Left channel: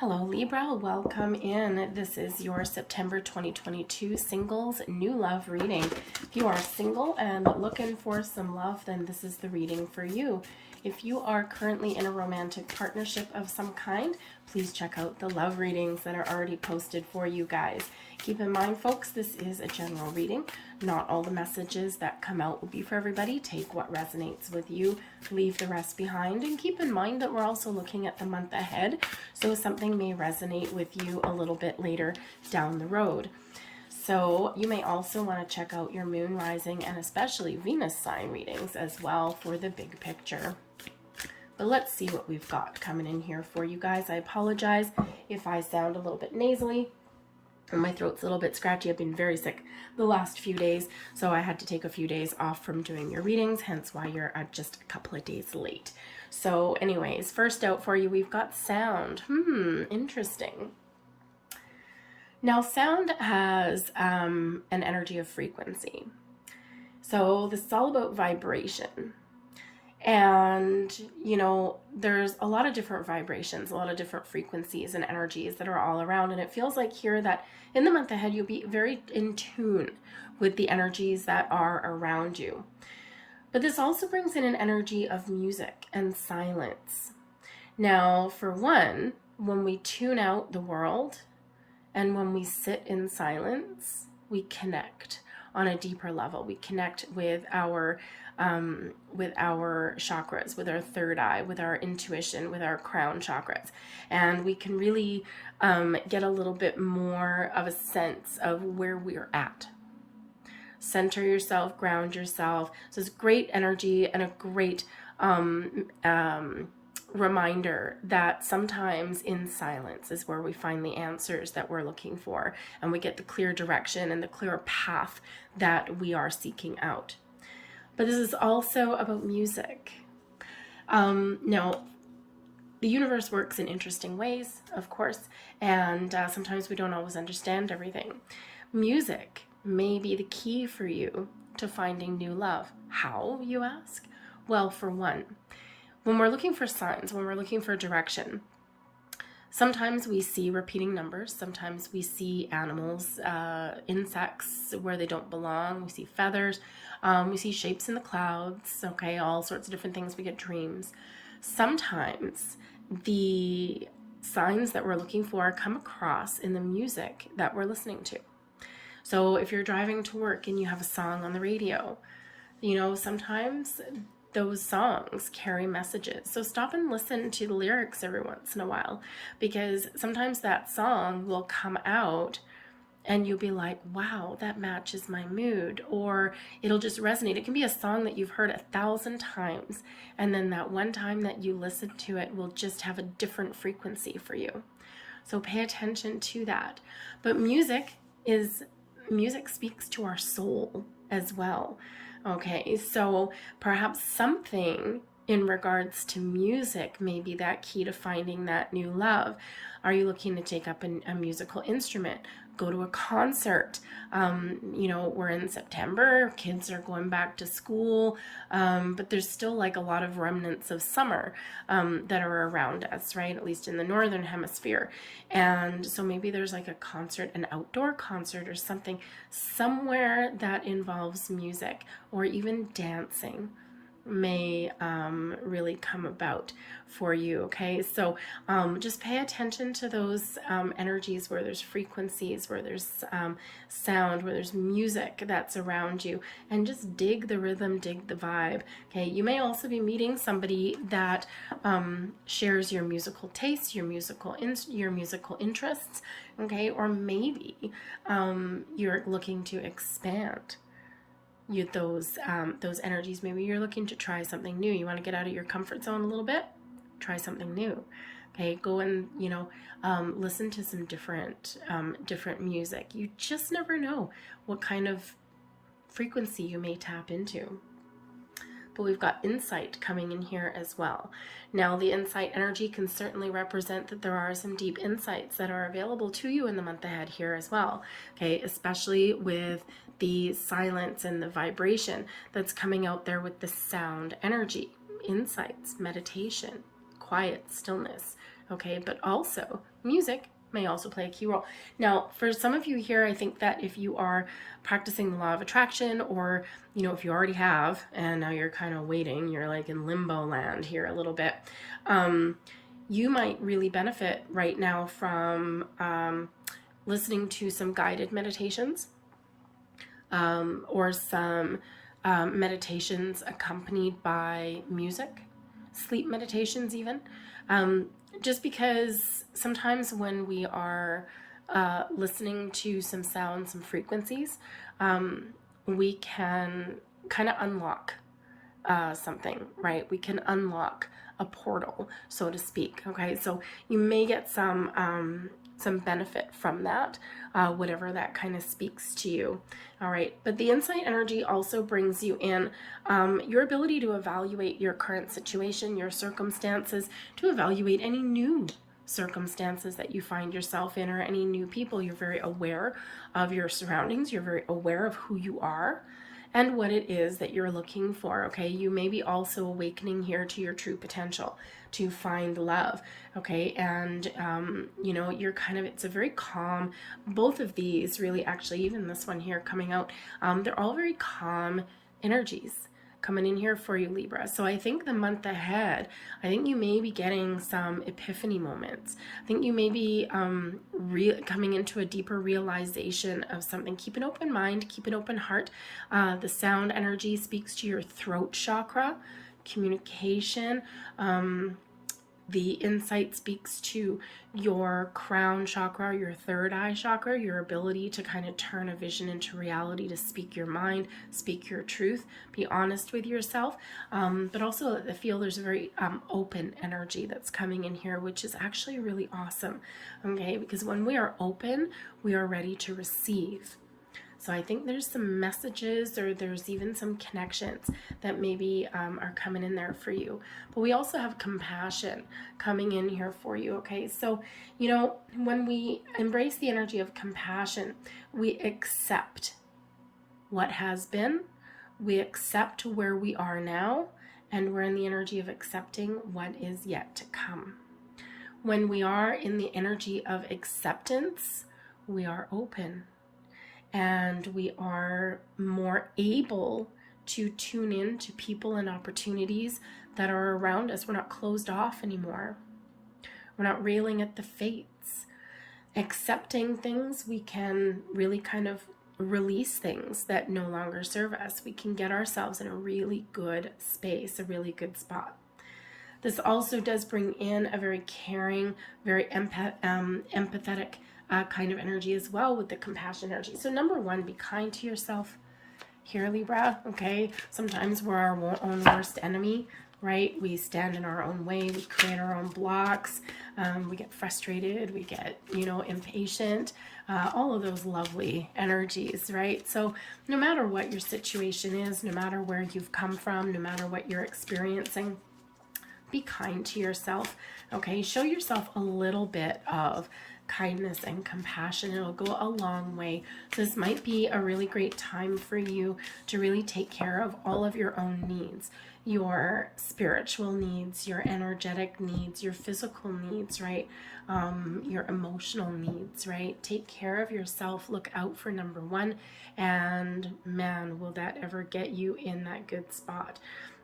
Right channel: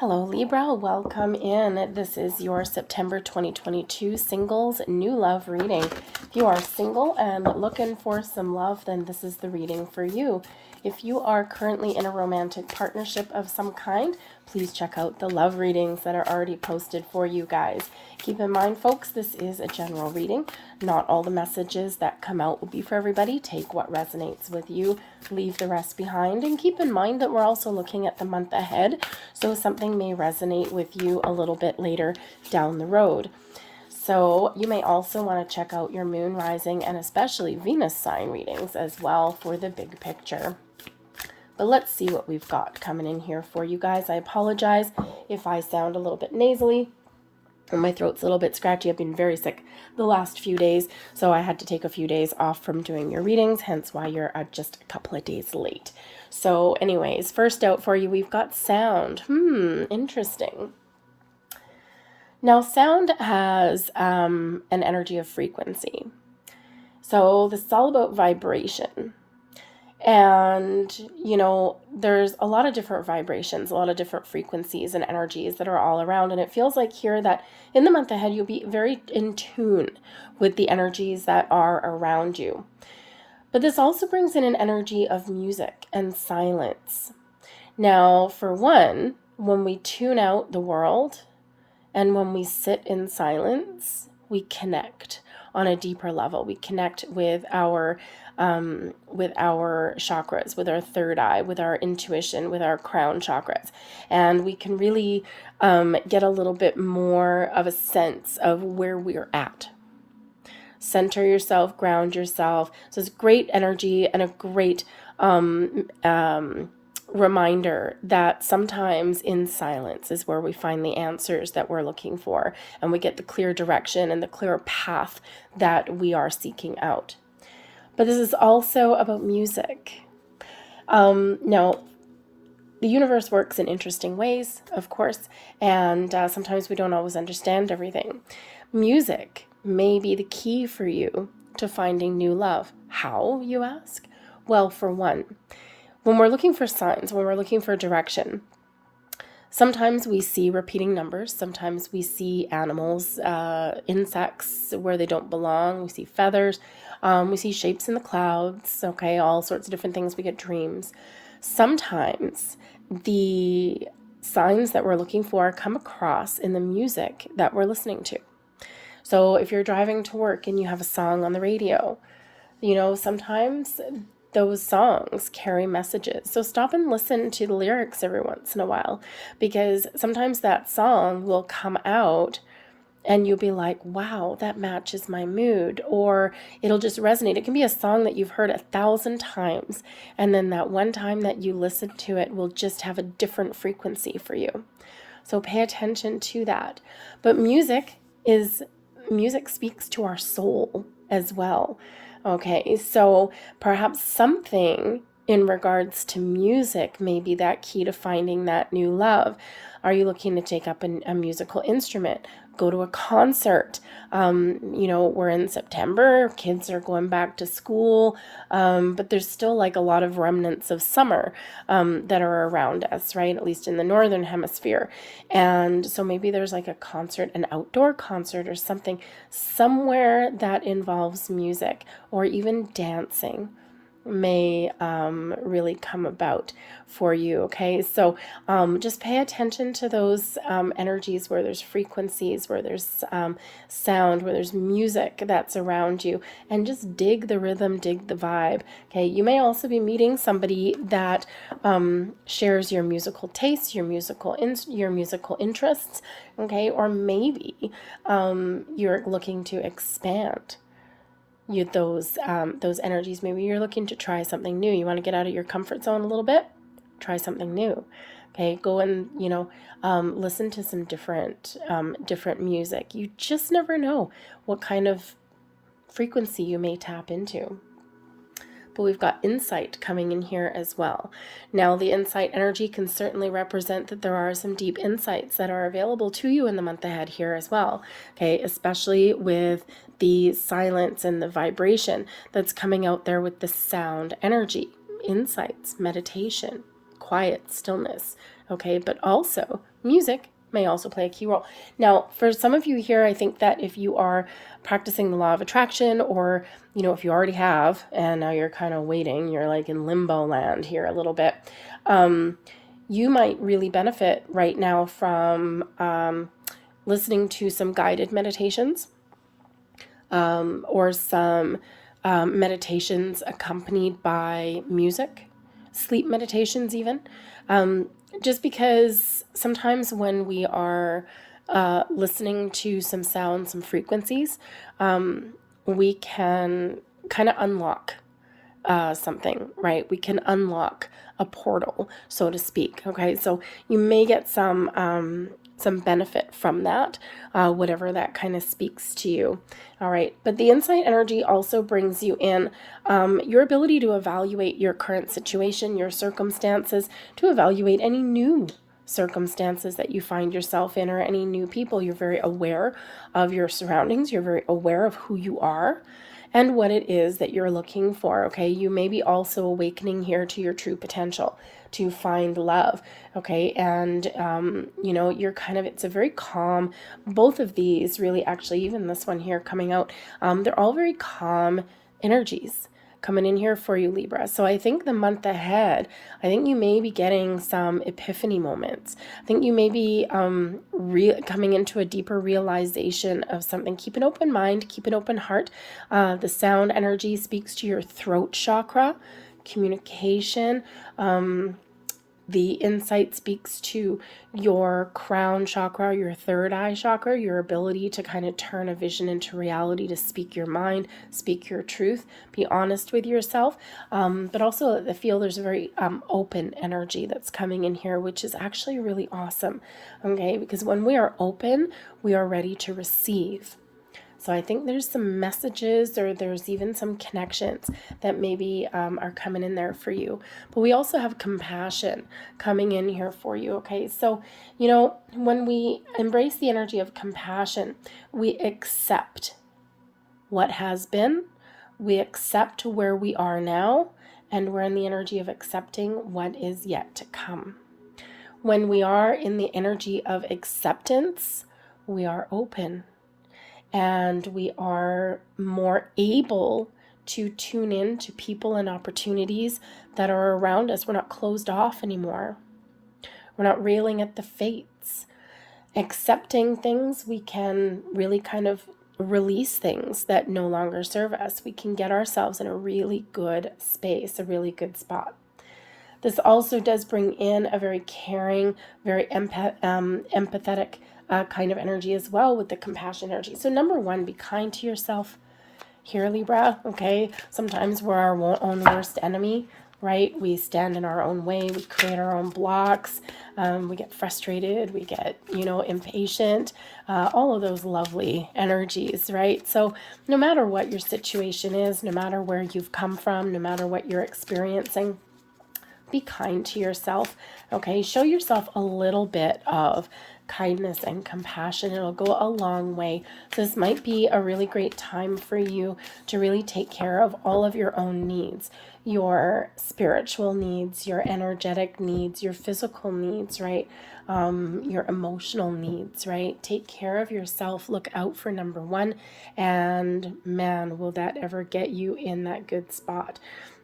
Hello Libra, welcome in. This is your September 2022 singles new love reading. If you are single and looking for some love, then this is the reading for you. If you are currently in a romantic partnership of some kind, please check out the love readings that are already posted for you guys. Keep in mind, folks, this is a general reading. Not all the messages that come out will be for everybody. Take what resonates with you, leave the rest behind, and keep in mind that we're also looking at the month ahead, so something may resonate with you a little bit later down the road. So you may also want to check out your moon, rising, and especially Venus sign readings as well for the big picture. But let's see what we've got coming in here for you guys. I apologize if I sound a little bit nasally and my throat's a little bit scratchy. I've been very sick the last few days, so I had to take a few days off from doing your readings, hence why you're just a couple of days late. So anyways, first out for you, we've got sound. Interesting. Now, sound has an energy of frequency. So this is all about vibration. And, you know, there's a lot of different vibrations, a lot of different frequencies and energies that are all around. And it feels like here that in the month ahead, you'll be very in tune with the energies that are around you. But this also brings in an energy of music and silence. Now, for one, when we tune out the world and when we sit in silence, we connect on a deeper level. We connect with our chakras, with our third eye, with our intuition, with our crown chakras. And we can really get a little bit more of a sense of where we're at. Center yourself, ground yourself. So it's great energy and a great reminder that sometimes in silence is where we find the answers that we're looking for, and we get the clear direction and the clear path that we are seeking out. But this is also about music. Now, the universe works in interesting ways, of course, and sometimes we don't always understand everything. Music may be the key for you to finding new love. How, you ask? Well, for one, when we're looking for signs, when we're looking for direction, sometimes we see repeating numbers. Sometimes we see animals, insects where they don't belong. We see feathers. We see shapes in the clouds. Okay, all sorts of different things. We get dreams. Sometimes the signs that we're looking for come across in the music that we're listening to. So if you're driving to work and you have a song on the radio, you know, sometimes those songs carry messages. So stop and listen to the lyrics every once in a while, because sometimes that song will come out and you'll be like, wow, that matches my mood, or it'll just resonate. It can be a song that you've heard 1,000 times, and then that one time that you listen to it will just have a different frequency for you. So pay attention to that. But music speaks to our soul as well. Okay, so perhaps something in regards to music may be that key to finding that new love. Are you looking to take up a musical instrument? Go to a concert. You know, we're in September, kids are going back to school, but there's still like a lot of remnants of summer that are around us, right? At least in the northern hemisphere. And so maybe there's like a concert, an outdoor concert or something, somewhere that involves music or even dancing may really come about for you. Okay, so just pay attention to those energies where there's frequencies, where there's sound, where there's music that's around you, and just dig the rhythm, dig the vibe. Okay, you may also be meeting somebody that shares your musical tastes, your musical interests. Okay, or maybe you're looking to expand those energies. Maybe you're looking to try something new. You want to get out of your comfort zone a little bit, try something new. Okay, go and listen to some different music. You just never know what kind of frequency you may tap into. But we've got insight coming in here as well. Now, the insight energy can certainly represent that there are some deep insights that are available to you in the month ahead here as well. Okay, especially with the silence and the vibration that's coming out there with the sound energy, insights, meditation, quiet, stillness. Okay, but also Music may also play a key role. Now, for some of you here, I think that if you are practicing the law of attraction, or, if you already have, and now you're kind of waiting, you're like in limbo land here a little bit, you might really benefit right now from listening to some guided meditations, or some meditations accompanied by music, sleep meditations even. Just because sometimes when we are listening to some sounds, some frequencies, we can kind of unlock something, right? We can unlock a portal, so to speak. Okay, so you may get some benefit from that, whatever that kind of speaks to you. All right, but the insight energy also brings you in your ability to evaluate your current situation, your circumstances, to evaluate any new circumstances that you find yourself in, or any new people. You're very aware of your surroundings. You're very aware of who you are and what it is that you're looking for. Okay, you may be also awakening here to your true potential, to find love. Okay, and you're it's a very calm, both of these really, actually, even this one here coming out, they're all very calm energies coming in here for you, Libra. So I think the month ahead, I think you may be getting some epiphany moments. I think you may be coming into a deeper realization of something. Keep an open mind, keep an open heart. The sound energy speaks to your throat chakra, communication. The insight speaks to your crown chakra, your third eye chakra, your ability to kind of turn a vision into reality, to speak your mind, speak your truth, be honest with yourself. But also I feel there's a very open energy that's coming in here, which is actually really awesome. Okay, because when we are open, we are ready to receive. So I think there's some messages, or there's even some connections that maybe are coming in there for you. But we also have compassion coming in here for you, okay? So, when we embrace the energy of compassion, we accept what has been, we accept where we are now, and we're in the energy of accepting what is yet to come. When we are in the energy of acceptance, we are open. And we are more able to tune in to people and opportunities that are around us. We're not closed off anymore. We're not railing at the fates. Accepting things, we can really kind of release things that no longer serve us. We can get ourselves in a really good space, a really good spot. This also does bring in a very caring, very empathetic kind of energy as well, with the compassion energy. So number one, be kind to yourself here, Libra. Okay, sometimes we're our own worst enemy, right? We stand in our own way, we create our own blocks, we get frustrated, we get impatient, all of those lovely energies, right? So no matter what your situation is, no matter where you've come from, no matter what you're experiencing, be kind to yourself. Okay, show yourself a little bit of kindness and compassion. It'll go a long way. So this might be a really great time for you to really take care of all of your own needs, your spiritual needs, your energetic needs, your physical needs, right? Your emotional needs, right? Take care of yourself. Look out for number one. And man, will that ever get you in that good spot.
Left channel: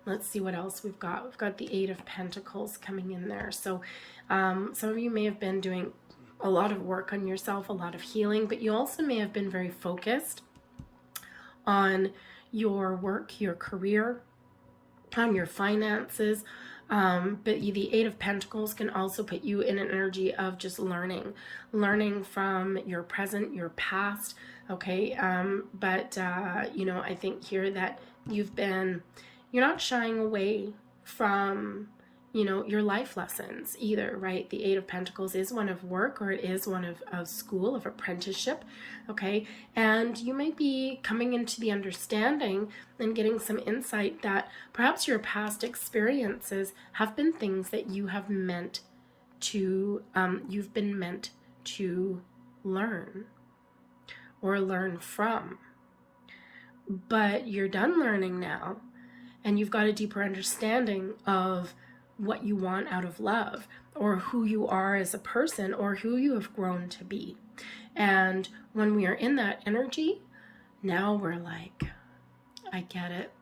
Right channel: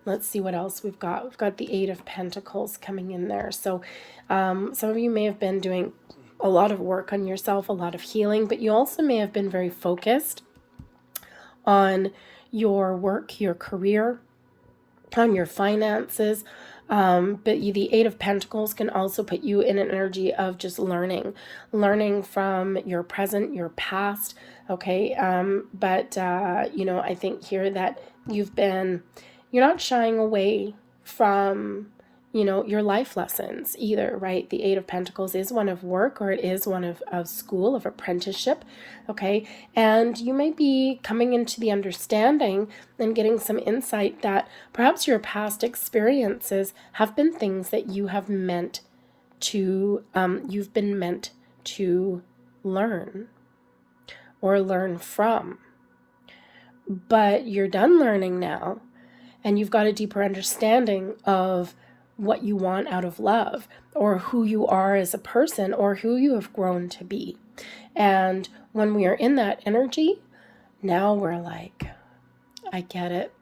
Let's see what else we've got. We've got the Eight of Pentacles coming in there. So some of you may have been doing a lot of work on yourself, a lot of healing, but you also may have been very focused on your work, your career, on your finances. But the Eight of Pentacles can also put you in an energy of just learning from your present, your past. Okay. I think here that you're not shying away from your life lessons either, right? The Eight of Pentacles is one of work, or it is one of school, of apprenticeship, okay? And you might be coming into the understanding and getting some insight that perhaps your past experiences have been things that you've been meant to learn or learn from. But you're done learning now, and you've got a deeper understanding of what you want out of love, or who you are as a person, or who you have grown to be. And when we are in that energy, now we're like, I get it.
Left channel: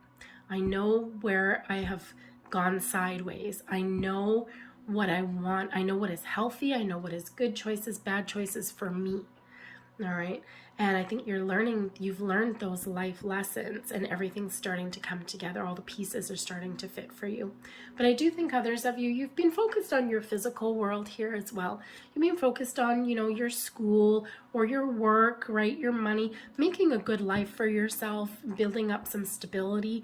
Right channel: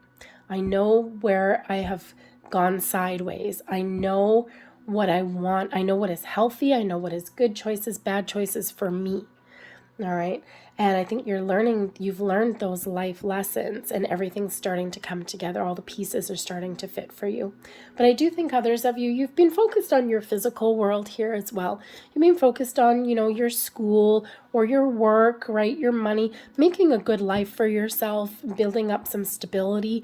I know where I have gone sideways. I know what I want. I know what is healthy. I know what is good choices, bad choices for me. All right. And I think you've learned those life lessons, and everything's starting to come together. All the pieces are starting to fit for you. But I do think others of you, you've been focused on your physical world here as well. You've been focused on, your school or your work, right? Your money, making a good life for yourself, building up some stability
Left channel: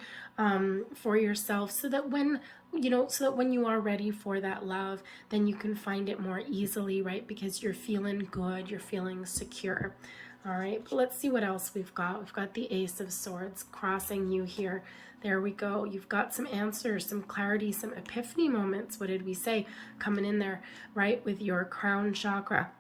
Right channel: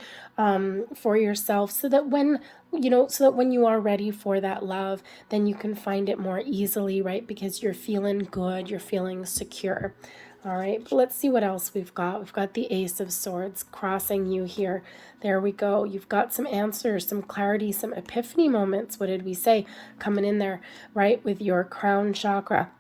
for yourself, so that when you are ready for that love, then you can find it more easily, right? Because you're feeling good, you're feeling secure. All right, but let's see what else we've got. We've got the Ace of Swords crossing you here. There we go. You've got some answers, some clarity, some epiphany moments. What did we say? Coming in there, right? With your crown chakra.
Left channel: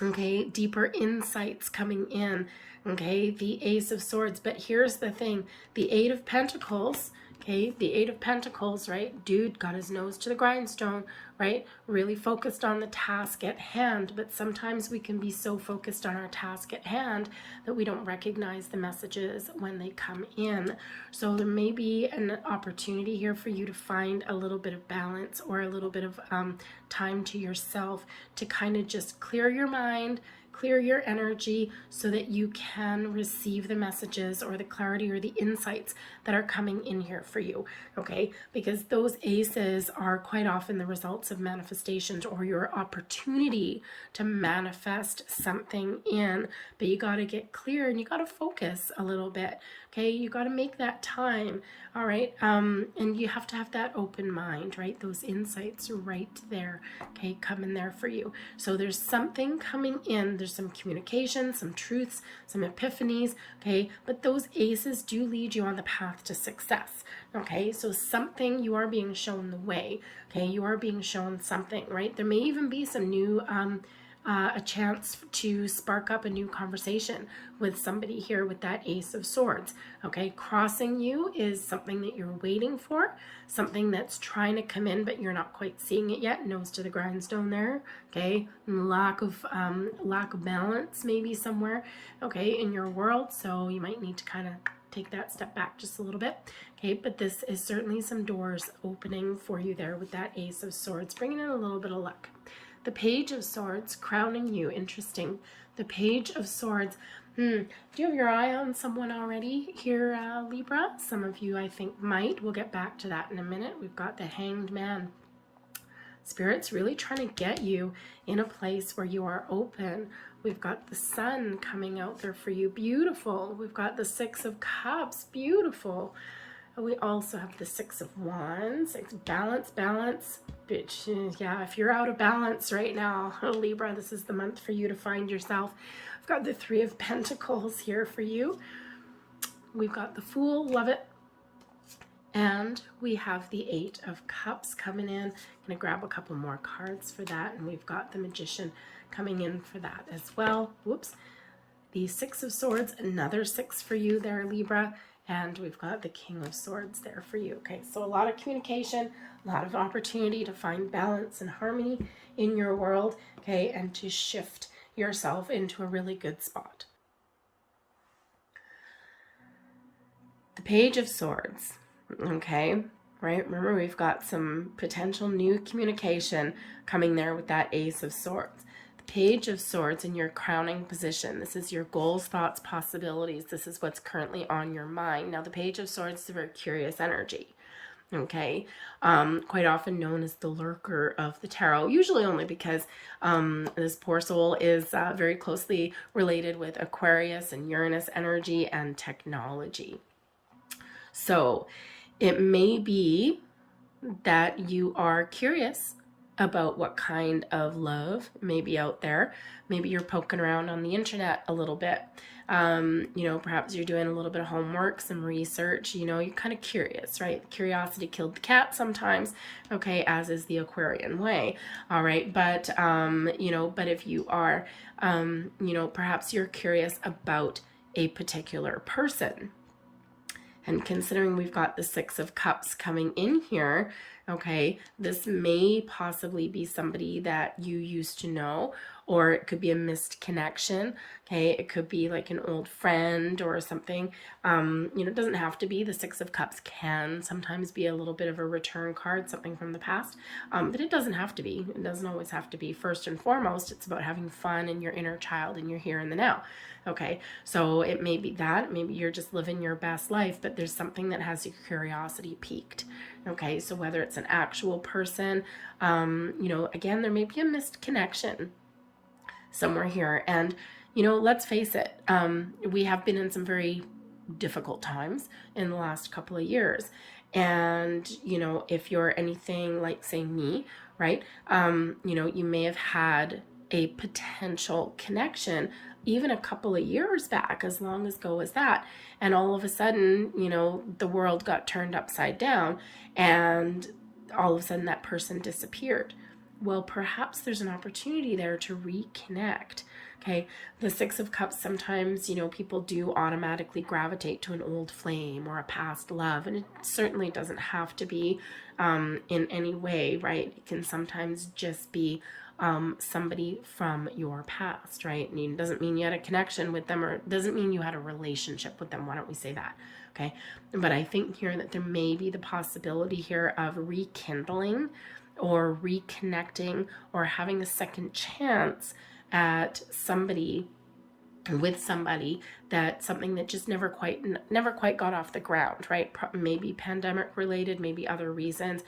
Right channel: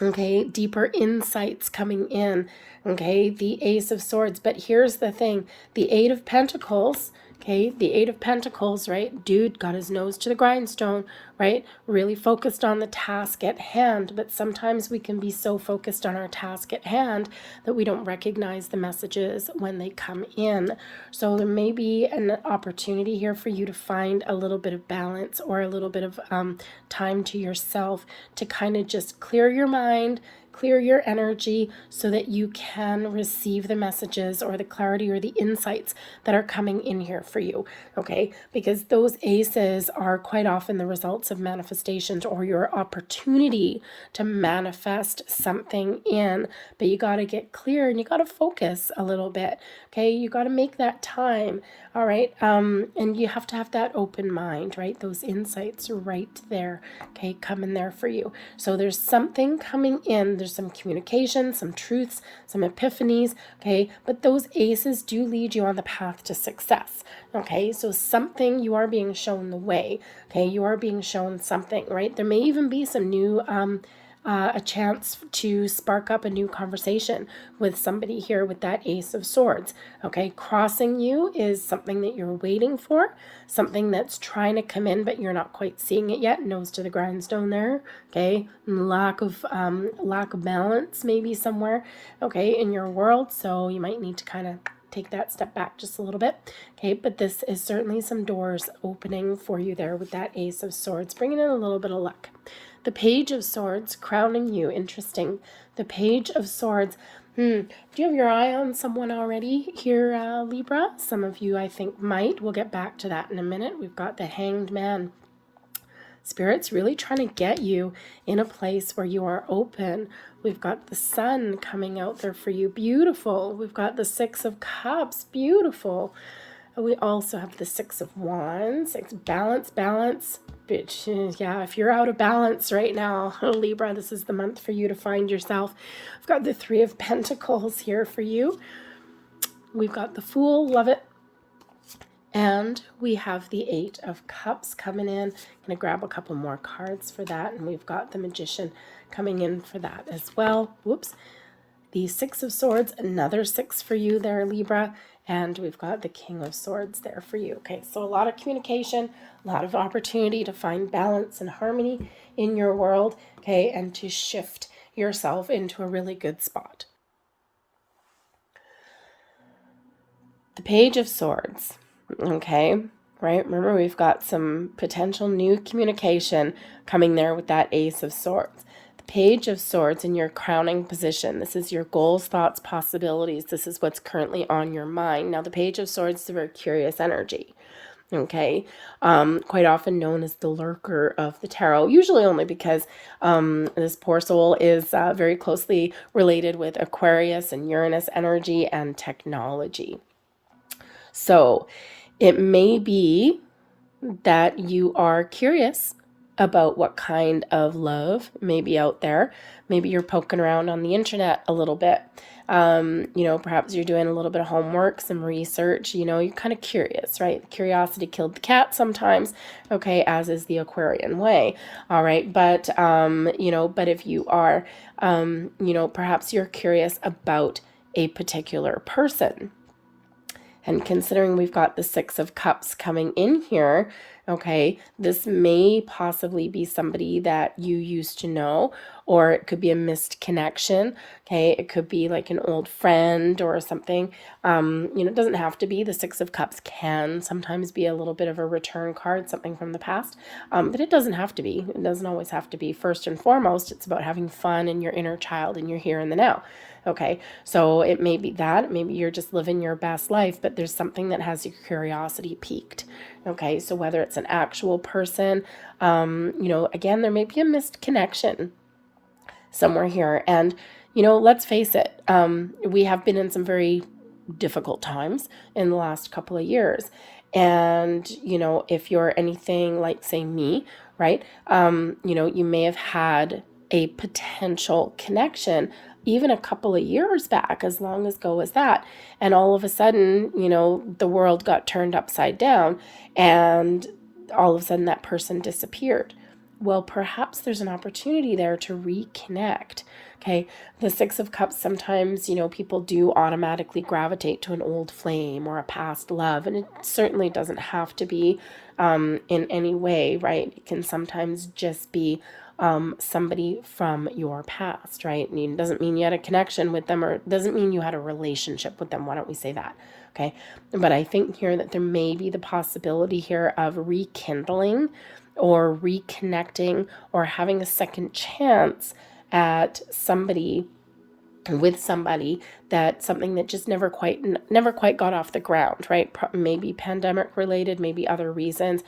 Okay, deeper insights coming in. Okay, the Ace of Swords. But here's the thing, the Eight of Pentacles. Okay, the Eight of Pentacles, right? Dude got his nose to the grindstone, right? Really focused on the task at hand. But sometimes we can be so focused on our task at hand that we don't recognize the messages when they come in. So there may be an opportunity here for you to find a little bit of balance, or a little bit of time to yourself, to kind of just clear your mind, clear your energy, so that you can receive the messages or the clarity or the insights that are coming in here for you, okay? Because those aces are quite often the results of manifestations, or your opportunity to manifest something in. But you got to get clear, and you got to focus a little bit, okay? You got to make that time, all right? And you have to have that open mind, right? Those insights right there, okay, coming there for you. So there's something coming in. There's some communication, some truths, some epiphanies, okay? But those aces do lead you on the path to success, okay? So something, you are being shown the way, okay? You are being shown something, right? There may even be some new a chance to spark up a new conversation with somebody here with that Ace of Swords. Okay, crossing you is something that you're waiting for, something that's trying to come in, but you're not quite seeing it yet. Nose to the grindstone there. Okay, lack of balance maybe somewhere. Okay, in your world, so you might need to kind of take that step back just a little bit. Okay, but this is certainly some doors opening for you there with that Ace of Swords, bringing in a little bit of luck. The Page of Swords crowning you. Interesting. The Page of Swords. Do you have your eye on someone already here, Libra? Some of you, I think, might. We'll get back to that in a minute. We've got the Hanged Man. Spirit's really trying to get you in a place where you are open. We've got the Sun coming out there for you. Beautiful. We've got the Six of Cups. Beautiful. We also have the Six of Wands. Balance. Bitch, yeah, if you're out of balance right now, Libra, this is the month for you to find yourself. I've got the Three of Pentacles here for you. We've got the Fool, love it. And we have the Eight of Cups coming in. I'm going to grab a couple more cards for that. And we've got the Magician coming in for that as well. Whoops. The Six of Swords, another 6 for you there, Libra. And we've got the King of Swords there for you. Okay, so a lot of communication, a lot of opportunity to find balance and harmony in your world, okay, and to shift yourself into a really good spot. The Page of Swords, okay, right? Remember, we've got some potential new communication coming there with that Ace of Swords. Page of Swords in your crowning position. This is your goals, thoughts, possibilities. This is what's currently on your mind. Now, the Page of Swords is a very curious energy, okay? Quite often known as the lurker of the tarot, usually only because this poor soul is very closely related with Aquarius and Uranus energy and technology. So it may be that you are curious about what kind of love may be out there. Maybe you're poking around on the internet a little bit. Perhaps you're doing a little bit of homework, some research, you're kind of curious, right? Curiosity killed the cat sometimes, okay, as is the Aquarian way, all right? But, but if you are, perhaps you're curious about a particular person. And considering we've got the Six of Cups coming in here, Okay, this may possibly be somebody that you used to know, or it could be a missed connection. Okay, it could be like an old friend or something. It doesn't have to be. The Six of Cups can sometimes be a little bit of a return card, something from the past, but it doesn't have to be. It doesn't always have to be. First and foremost, it's about having fun in your inner child and your here and the now. Okay, so it may be that, maybe you're just living your best life, but there's something that has your curiosity piqued. Okay, so whether it's an actual person, again, there may be a missed connection somewhere here. And, let's face it, we have been in some very difficult times in the last couple of years. And, if you're anything like, say, me, right, you may have had a potential connection even a couple of years back, as long ago as that. And all of a sudden, the world got turned upside down and all of a sudden that person disappeared. Well, perhaps there's an opportunity there to reconnect. Okay, the Six of Cups, sometimes, people do automatically gravitate to an old flame or a past love, and it certainly doesn't have to be in any way, right? It can sometimes just be somebody from your past, right? And it doesn't mean you had a connection with them, or it doesn't mean you had a relationship with them. Why don't we say that? Okay, but I think here that there may be the possibility here of rekindling or reconnecting or having a second chance at somebody, with somebody, that something that just never quite got off the ground, right? Maybe pandemic related, maybe other reasons,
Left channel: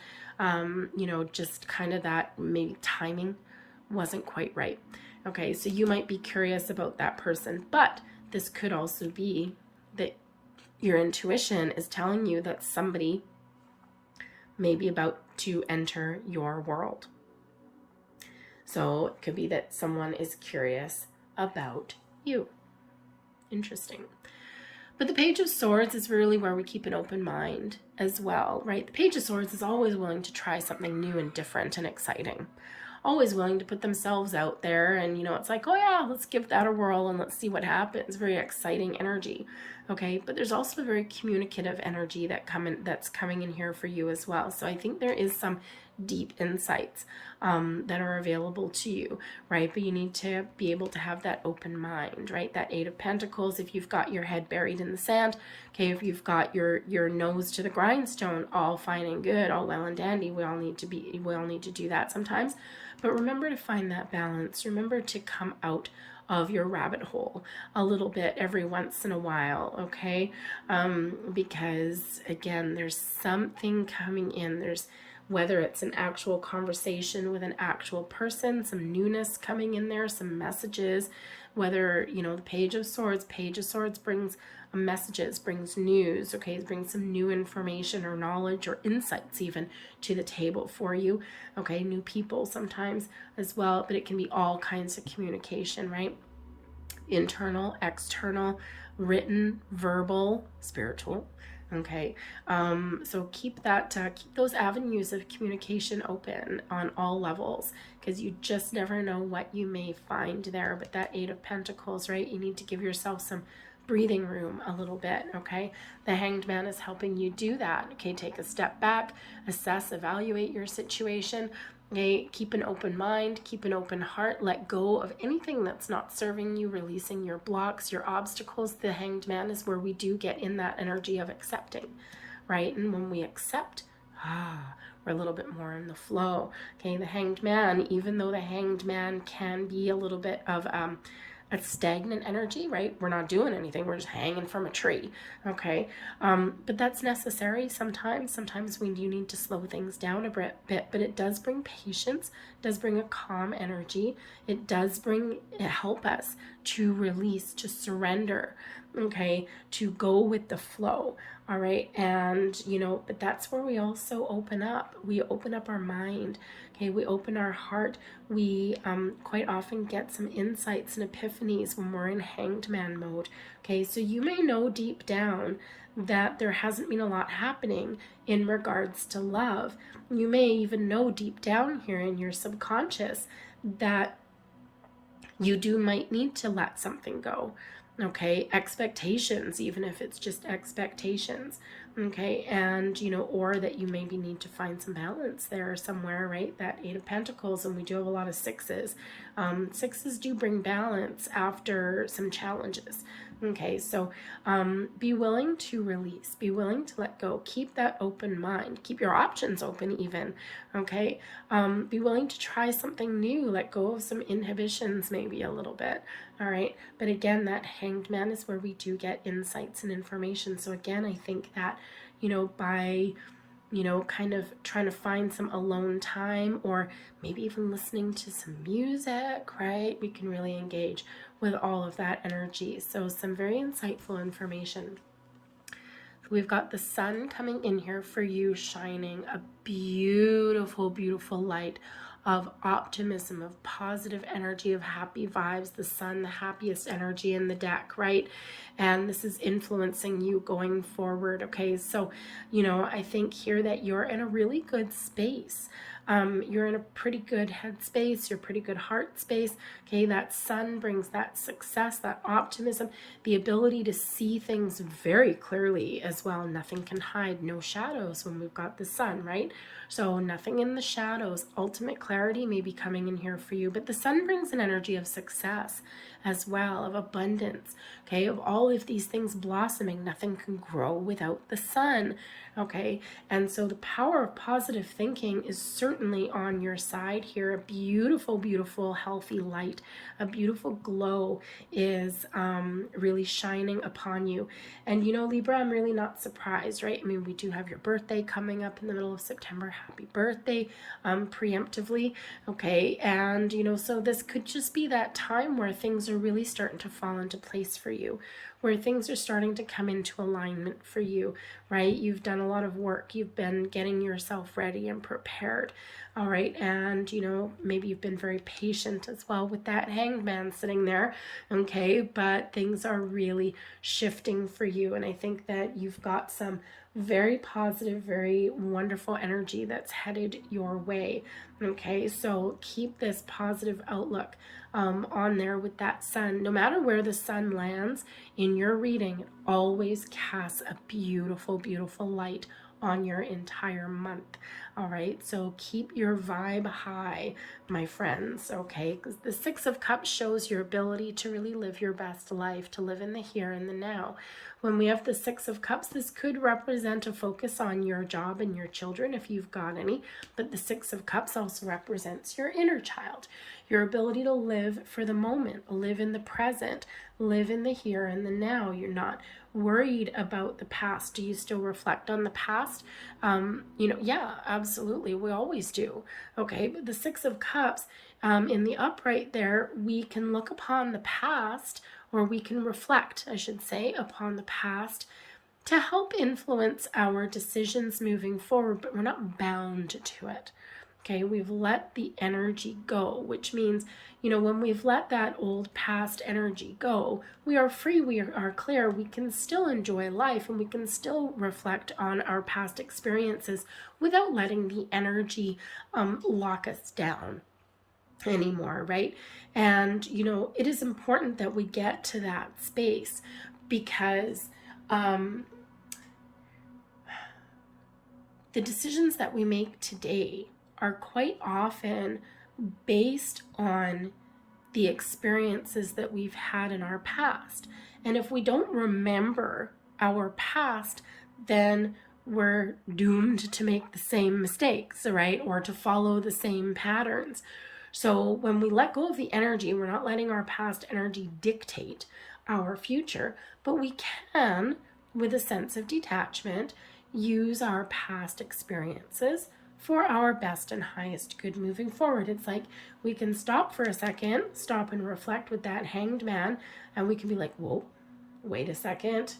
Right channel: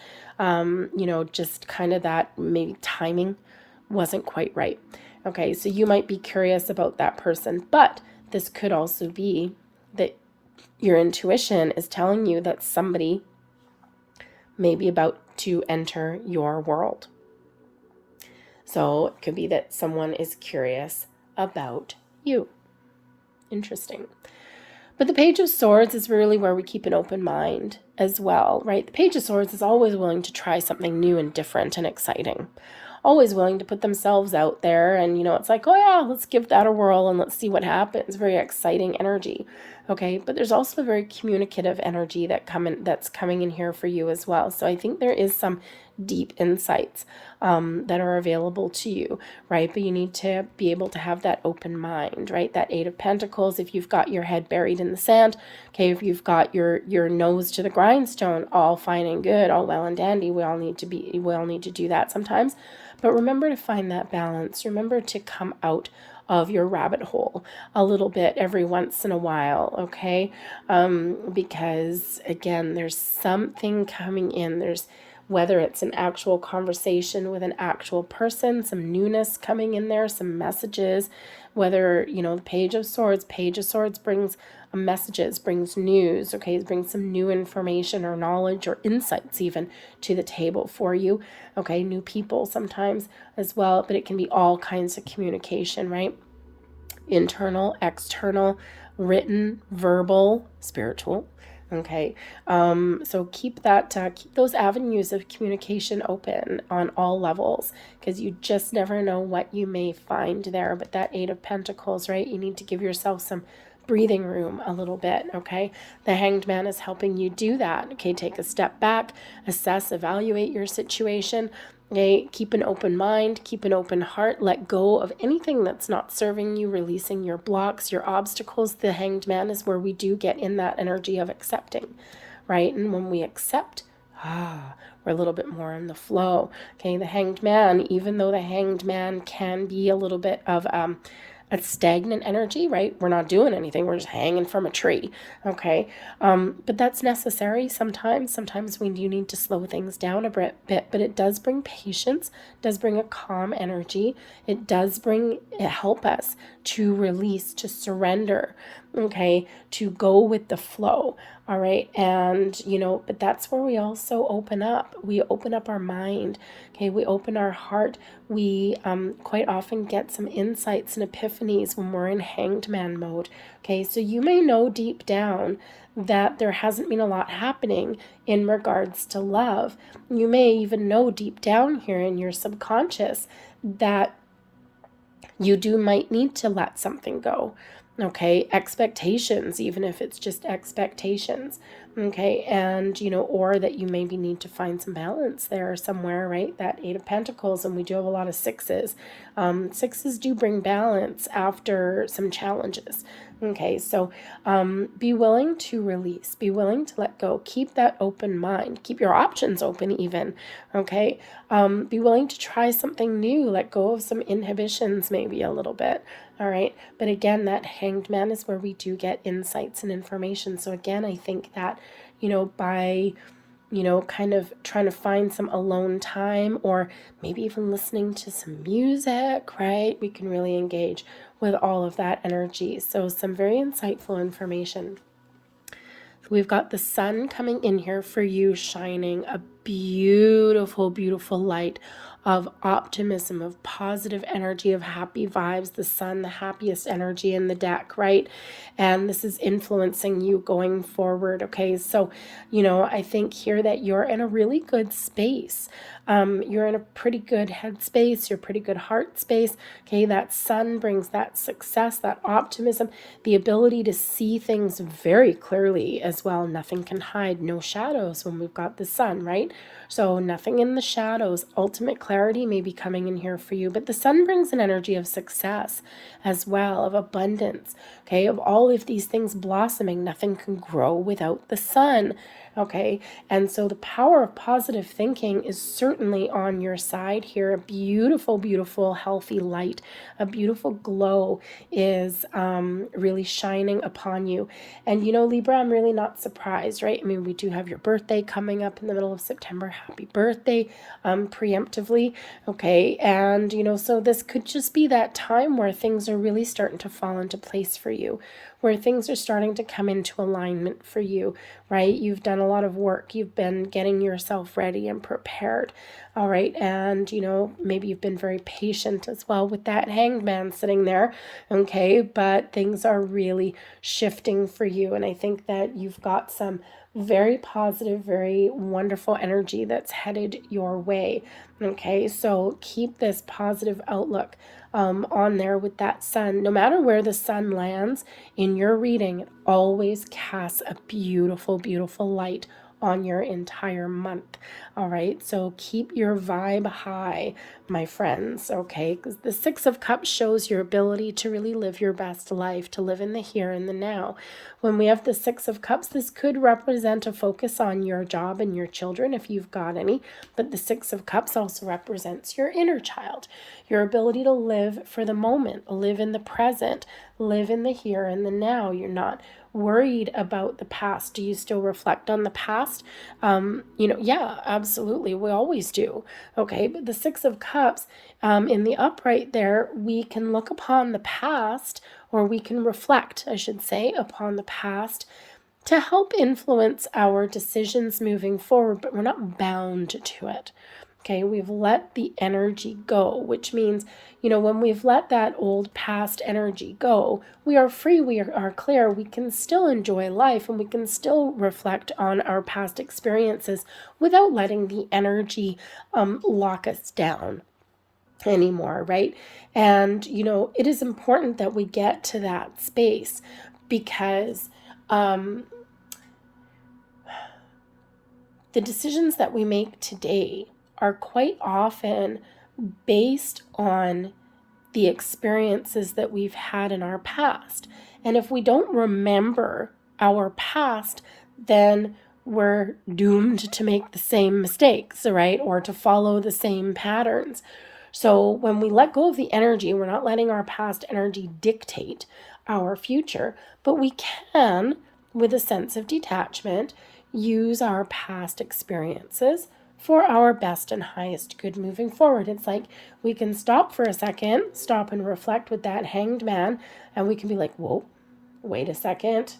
just kind of that maybe timing wasn't quite right. Okay, so you might be curious about that person, but this could also be that your intuition is telling you that somebody may be about to enter your world. So it could be that someone is curious about you. Interesting. But the Page of Swords is really where we keep an open mind as well, right? The Page of Swords is always willing to try something new and different and exciting. Always willing to put themselves out there, and it's like, oh yeah, let's give that a whirl and let's see what happens. Very exciting energy. Okay, but there's also a very communicative energy that's coming in here for you as well. So I think there is some deep insights that are available to you, right? But you need to be able to have that open mind, right? That Eight of Pentacles, if you've got your head buried in the sand, okay, if you've got your nose to the grindstone, all fine and good, all well and dandy. We all need to do that sometimes. But remember to find that balance. Remember to come out of your rabbit hole a little bit every once in a while, okay? Because again, there's something coming in. There's, whether it's an actual conversation with an actual person, some newness coming in there, some messages, whether, the Page of Swords brings messages, brings news, okay, brings some new information or knowledge or insights even to the table for you, okay, new people sometimes as well, but it can be all kinds of communication, right? Internal, external, written, verbal, spiritual. Okay, so keep those avenues of communication open on all levels, because you just never know what you may find there. But that Eight of Pentacles, right? You need to give yourself some breathing room a little bit, okay? The Hanged Man is helping you do that, okay? Take a step back, assess, evaluate your situation, okay? Keep an open mind, keep an open heart, let go of anything that's not serving you, releasing your blocks, your obstacles. The Hanged Man is where we do get in that energy of accepting, right? And when we accept, we're a little bit more in the flow, okay? The Hanged Man, even though the Hanged Man can be a little bit of a stagnant energy, right? We're not doing anything. We're just hanging from a tree, okay? But that's necessary sometimes. Sometimes we do need to slow things down a bit, but it does bring patience, does bring a calm energy. It does help us to release, to surrender, okay? To go with the flow, all right? And, but that's where we also open up. We open up our mind, okay? We open our heart. We quite often get some insights and epiphanies when we're in Hanged Man mode. Okay, so you may know deep down that there hasn't been a lot happening in regards to love. You may even know deep down here in your subconscious that you might need to let something go. Okay, expectations, even if it's just expectations. Okay, and or that you maybe need to find some balance there somewhere, right? That Eight of Pentacles, and we do have a lot of sixes. Sixes do bring balance after some challenges. Okay, so be willing to release, be willing to let go, keep that open mind, keep your options open even. Okay, be willing to try something new, let go of some inhibitions maybe a little bit. All right, but again, that Hanged Man is where we do get insights and information. So again, I think that by kind of trying to find some alone time, or maybe even listening to some music, right? We can really engage with all of that energy. So some very insightful information. We've got the sun coming in here for you, shining a beautiful, beautiful light of optimism, of positive energy, of happy vibes. The sun, the happiest energy in the deck, right? And this is influencing you going forward. Okay, so I think here that you're in a really good space. You're in a pretty good headspace, you're pretty good heart space. Okay, that sun brings that success, that optimism, the ability to see things very clearly as well. Nothing can hide, no shadows when we've got the sun, right? So nothing in the shadows. Ultimate clarity may be coming in here for you, but the sun brings an energy of success as well, of abundance, okay, of all of these things blossoming. Nothing can grow without the sun. Okay, and so the power of positive thinking is certainly on your side here. A beautiful, beautiful, healthy light, a beautiful glow is really shining upon you. And Libra, I'm really not surprised, right? I mean, we do have your birthday coming up in the middle of September. Happy birthday, preemptively. Okay, and so this could just be that time where things are really starting to fall into place for you, where things are starting to come into alignment for you, right? You've done a lot of work. You've been getting yourself ready and prepared. All right. And, maybe you've been very patient as well with that Hanged Man sitting there. Okay. But things are really shifting for you. And I think that you've got some very positive, very wonderful energy that's headed your way. Okay. So keep this positive outlook on there with that sun. No matter where the sun lands in your reading, it always casts a beautiful, beautiful light on your entire month. All right, so keep your vibe high, my friends, okay? Because the Six of Cups shows your ability to really live your best life, to live in the here and the now. When we have the Six of Cups, this could represent a focus on your job and your children if you've got any, but the Six of Cups also represents your inner child, your ability to live for the moment, live in the present, live in the here and the now. You're not worried about the past. Do you still reflect on the past? Yeah, absolutely. We always do. Okay, but the Six of Cups in the upright there, we can look upon the past, or we can reflect, I should say, upon the past to help influence our decisions moving forward, but we're not bound to it. Okay, we've let the energy go, which means, when we've let that old past energy go, we are free, we are clear, we can still enjoy life, and we can still reflect on our past experiences without letting the energy lock us down anymore, right? And, it is important that we get to that space, because the decisions that we make today are quite often based on the experiences that we've had in our past. And if we don't remember our past, then we're doomed to make the same mistakes, right? Or to follow the same patterns. So when we let go of the energy, we're not letting our past energy dictate our future, but we can, with a sense of detachment, use our past experiences for our best and highest good moving forward. It's like we can stop for a second, stop and reflect with that Hanged Man, and we can be like, whoa, wait a second.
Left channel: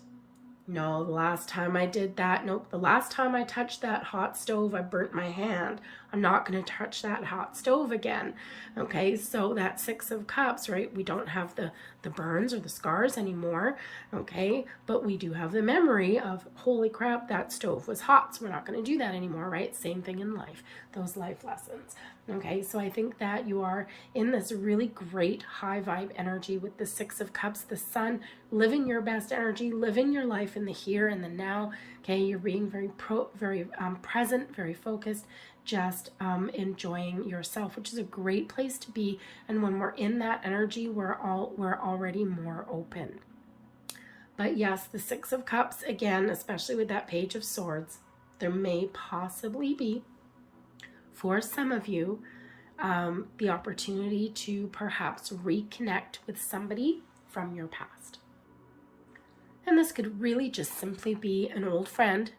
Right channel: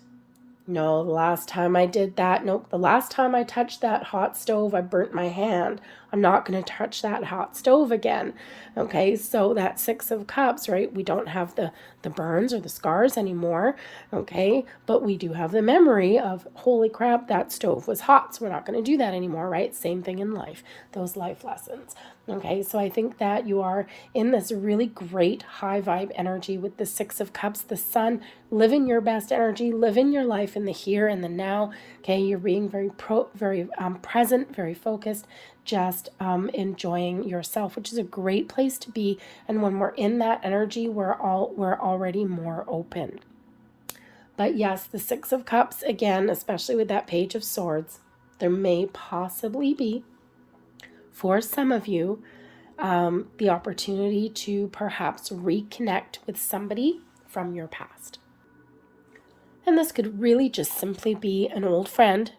No, the last time I did that, nope, the last time I touched that hot stove, I burnt my hand. I'm not going to touch that hot stove again. Okay, so that Six of Cups, right? We don't have the burns or the scars anymore, okay? But we do have the memory of, holy crap, that stove was hot, so we're not going to do that anymore, right? Same thing in life, those life lessons. Okay, so I think that you are in this really great high vibe energy with the Six of Cups, the Sun, living your best energy, living your life in the here and the now. Okay, you're being very present, very focused, just enjoying yourself, which is a great place to be. And when we're in that energy, we're already more open. But yes, the Six of Cups, again, especially with that Page of Swords, there may possibly be, for some of you, the opportunity to perhaps reconnect with somebody from your past. And this could really just simply be an old friend.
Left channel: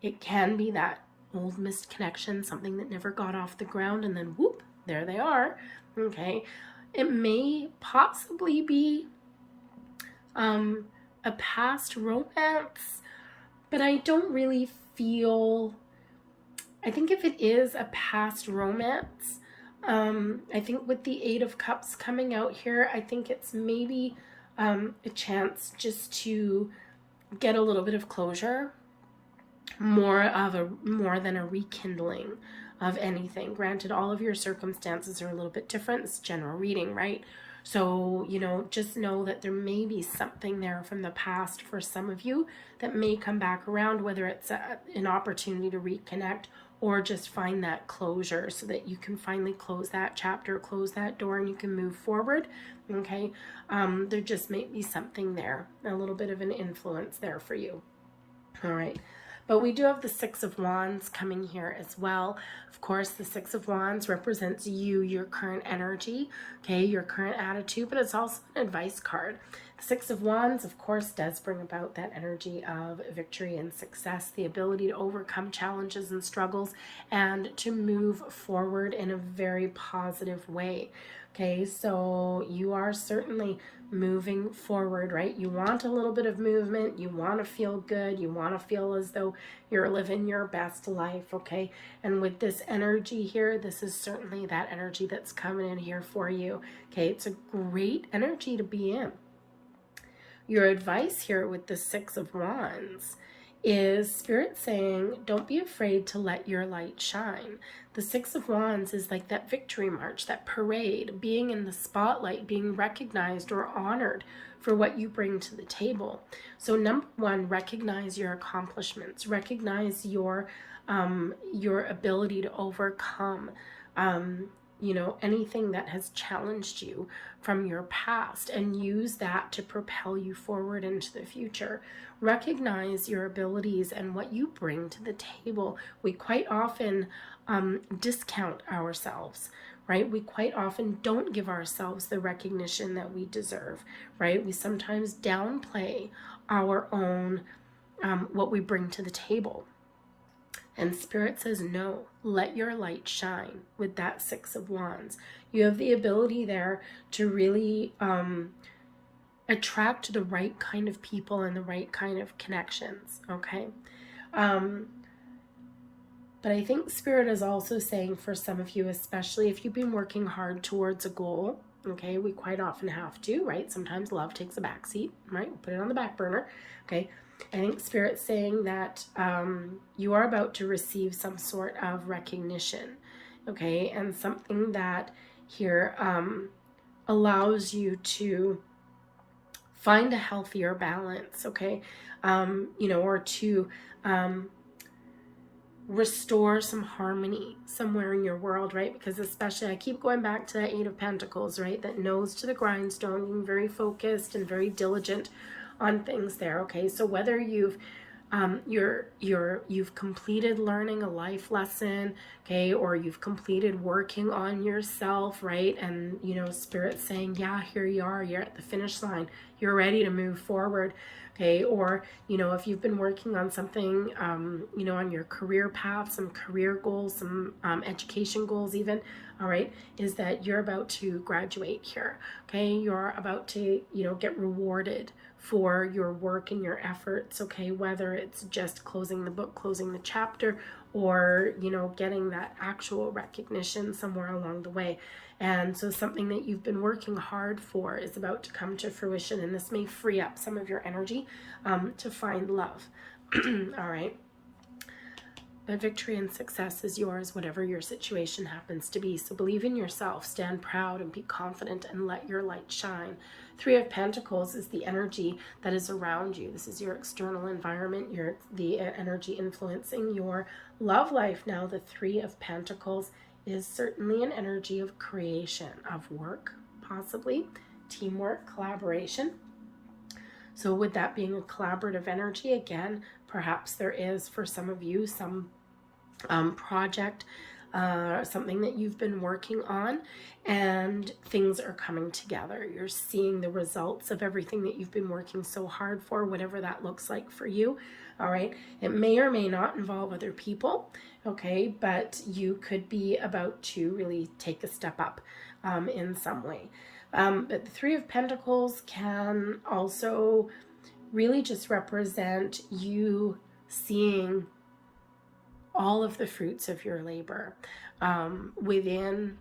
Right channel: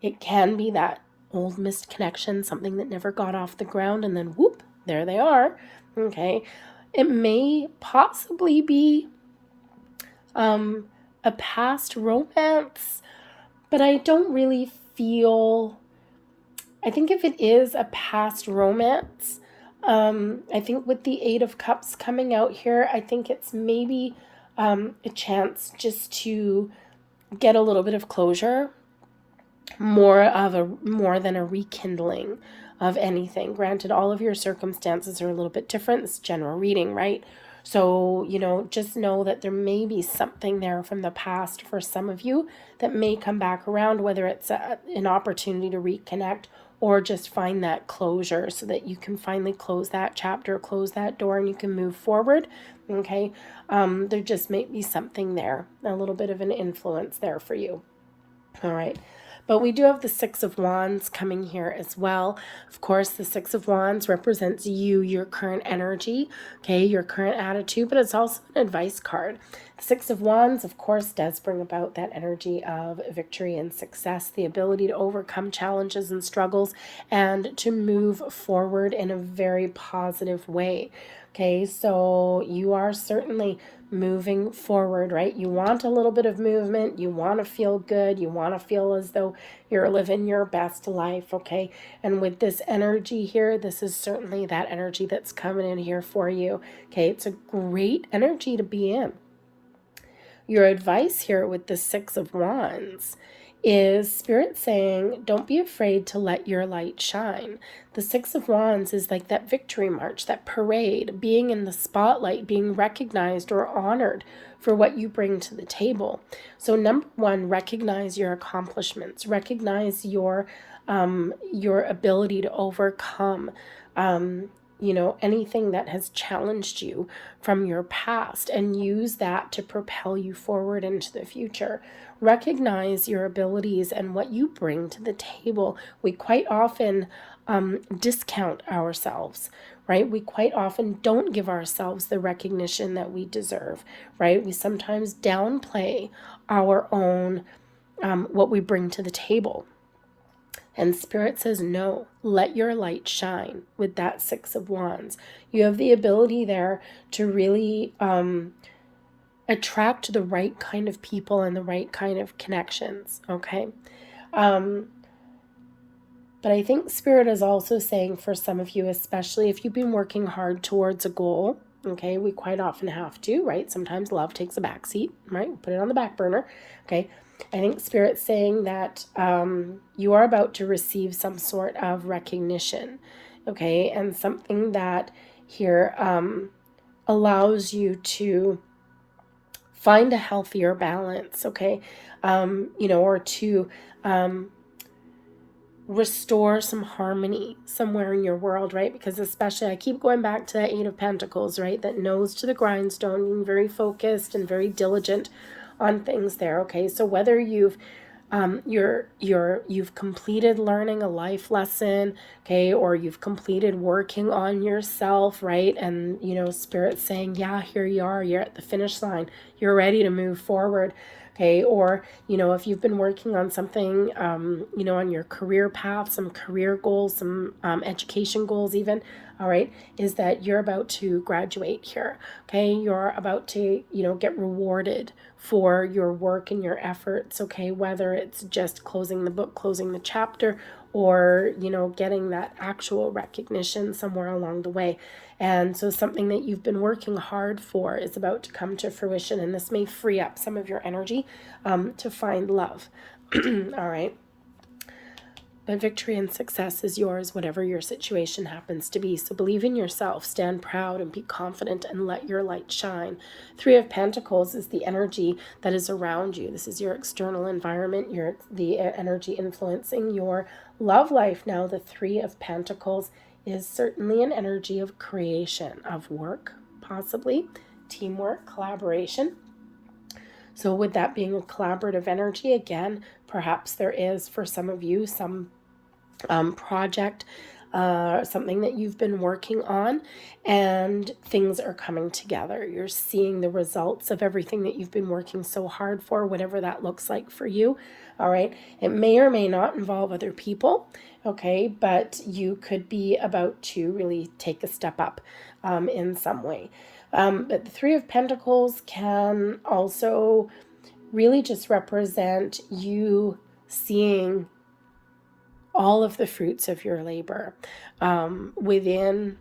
It can be that old missed connection, something that never got off the ground, and then whoop, there they are. Okay. It may possibly be a past romance, but I don't really feel, I think if it is a past romance, I think with the Eight of Cups coming out here, I think it's maybe a chance just to get a little bit of closure, more than a rekindling of anything. Granted, all of your circumstances are a little bit different. It's general reading, right? So, just know that there may be something there from the past for some of you that may come back around, whether it's an opportunity to reconnect or just find that closure so that you can finally close that chapter, close that door, and you can move forward. Okay. There just may be something there, a little bit of an influence there for you. All right. But we do have the Six of Wands coming here as well. Of course, the Six of Wands represents you, your current energy, okay, your current attitude, but it's also an advice card. The Six of Wands, of course, does bring about that energy of victory and success, the ability to overcome challenges and struggles and to move forward in a very positive way. Okay, so you are certainly moving forward, right? You want a little bit of movement. You want to feel good. You want to feel as though you're living your best life, okay? And with this energy here, this is certainly that energy that's coming in here for you, okay? It's a great energy to be in. Your advice here with the Six of Wands is Spirit saying, don't be afraid to let your light shine. The Six of Wands is like that victory march, that parade, being in the spotlight, being recognized or honored for what you bring to the table. So number one, recognize your accomplishments, recognize your ability to overcome anything that has challenged you from your past, and use that to propel you forward into the future. Recognize your abilities and what you bring to the table. We quite often discount ourselves, right? We quite often don't give ourselves the recognition that we deserve, right? We sometimes downplay our own, what we bring to the table. And Spirit says, no, let your light shine with that Six of Wands. You have the ability there to really attract the right kind of people and the right kind of connections, okay? But I think Spirit is also saying for some of you, especially if you've been working hard towards a goal, okay, we quite often have to, right? Sometimes love takes a backseat, right? Put it on the back burner, okay? I think Spirit's saying that you are about to receive some sort of recognition, okay? And something that here allows you to find a healthier balance, okay? Or to restore some harmony somewhere in your world, right? Because especially, I keep going back to that Eight of Pentacles, right? That nose to the grindstone, being very focused and very diligent on things there, okay? So whether you've completed learning a life lesson, okay, or you've completed working on yourself, right? And Spirit's saying, yeah, here you are, you're at the finish line, you're ready to move forward, okay? Or if you've been working on something, on your career path, some career goals, some education goals even, all right, is that you're about to graduate here, okay? You're about to get rewarded for your work and your efforts, okay? Whether it's just closing the book, closing the chapter, or getting that actual recognition somewhere along the way. And so something that you've been working hard for is about to come to fruition, and this may free up some of your energy to find love. All right. but victory and success is yours, whatever your situation happens to be. So believe in yourself, stand proud and be confident and let your light shine. Three of Pentacles is the energy that is around you. This is your external environment, the energy influencing your love life. Now, the Three of Pentacles is certainly an energy of creation, of work, possibly teamwork, collaboration. So with that being a collaborative energy, again, perhaps there is for some of you some project, something that you've been working on, and things are coming together. You're seeing the results of everything that you've been working so hard for, whatever that looks like for you. All right. It may or may not involve other people. Okay. But you could be about to really take a step up in some way. But the Three of Pentacles can also really just represent you seeing all of the fruits of your labor inwardly,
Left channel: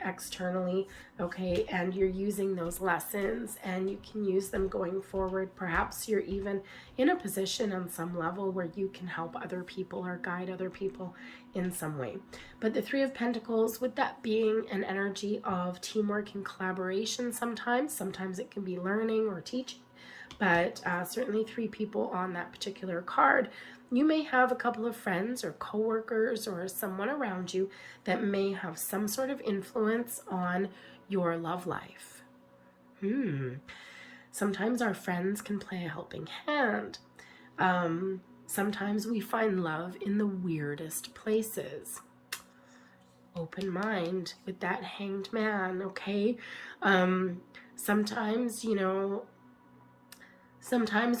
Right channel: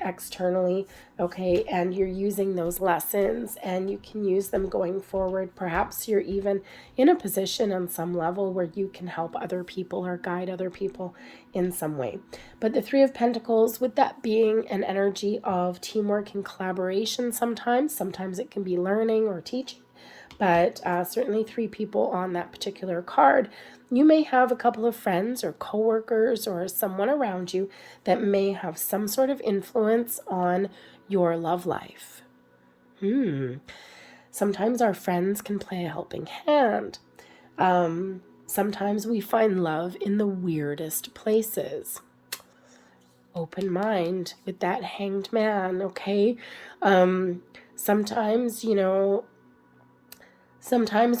externally, okay, and you're using those lessons and you can use them going forward. Perhaps you're even in a position on some level where you can help other people or guide other people in some way. But the Three of Pentacles, with that being an energy of teamwork and collaboration, sometimes it can be learning or teaching, but certainly three people on that particular card. You may have a couple of friends or coworkers or someone around you that may have some sort of influence on your love life. Sometimes our friends can play a helping hand. Sometimes we find love in the weirdest places. Open mind with that Hanged Man, okay? Sometimes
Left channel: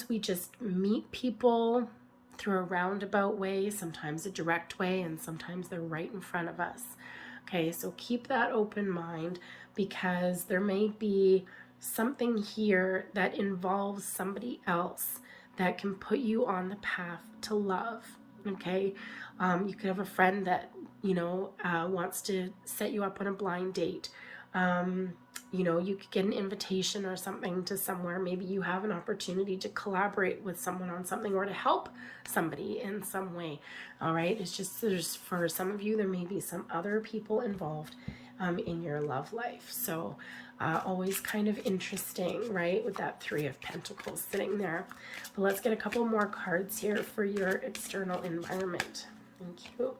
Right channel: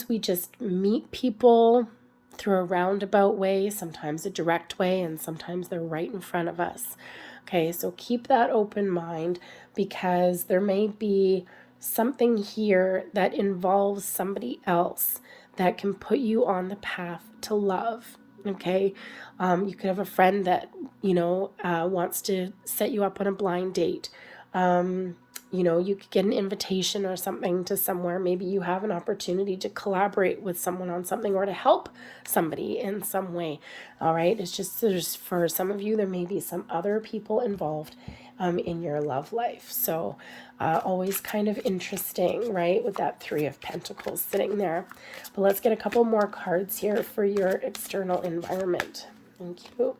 we just meet people through a roundabout way, sometimes a direct way, and sometimes they're right in front of us. Okay, so keep that open mind, because there may be something here that involves somebody else that can put you on the path to love. Okay, you could have a friend that wants to set you up on a blind date. You could get an invitation or something to somewhere. Maybe you have an opportunity to collaborate with someone on something or to help somebody in some way. All right. It's just there's for some of you, there may be some other people involved in your love life. So always kind of interesting, right? With that Three of Pentacles sitting there. But let's get a couple more cards here for your external environment. Thank you.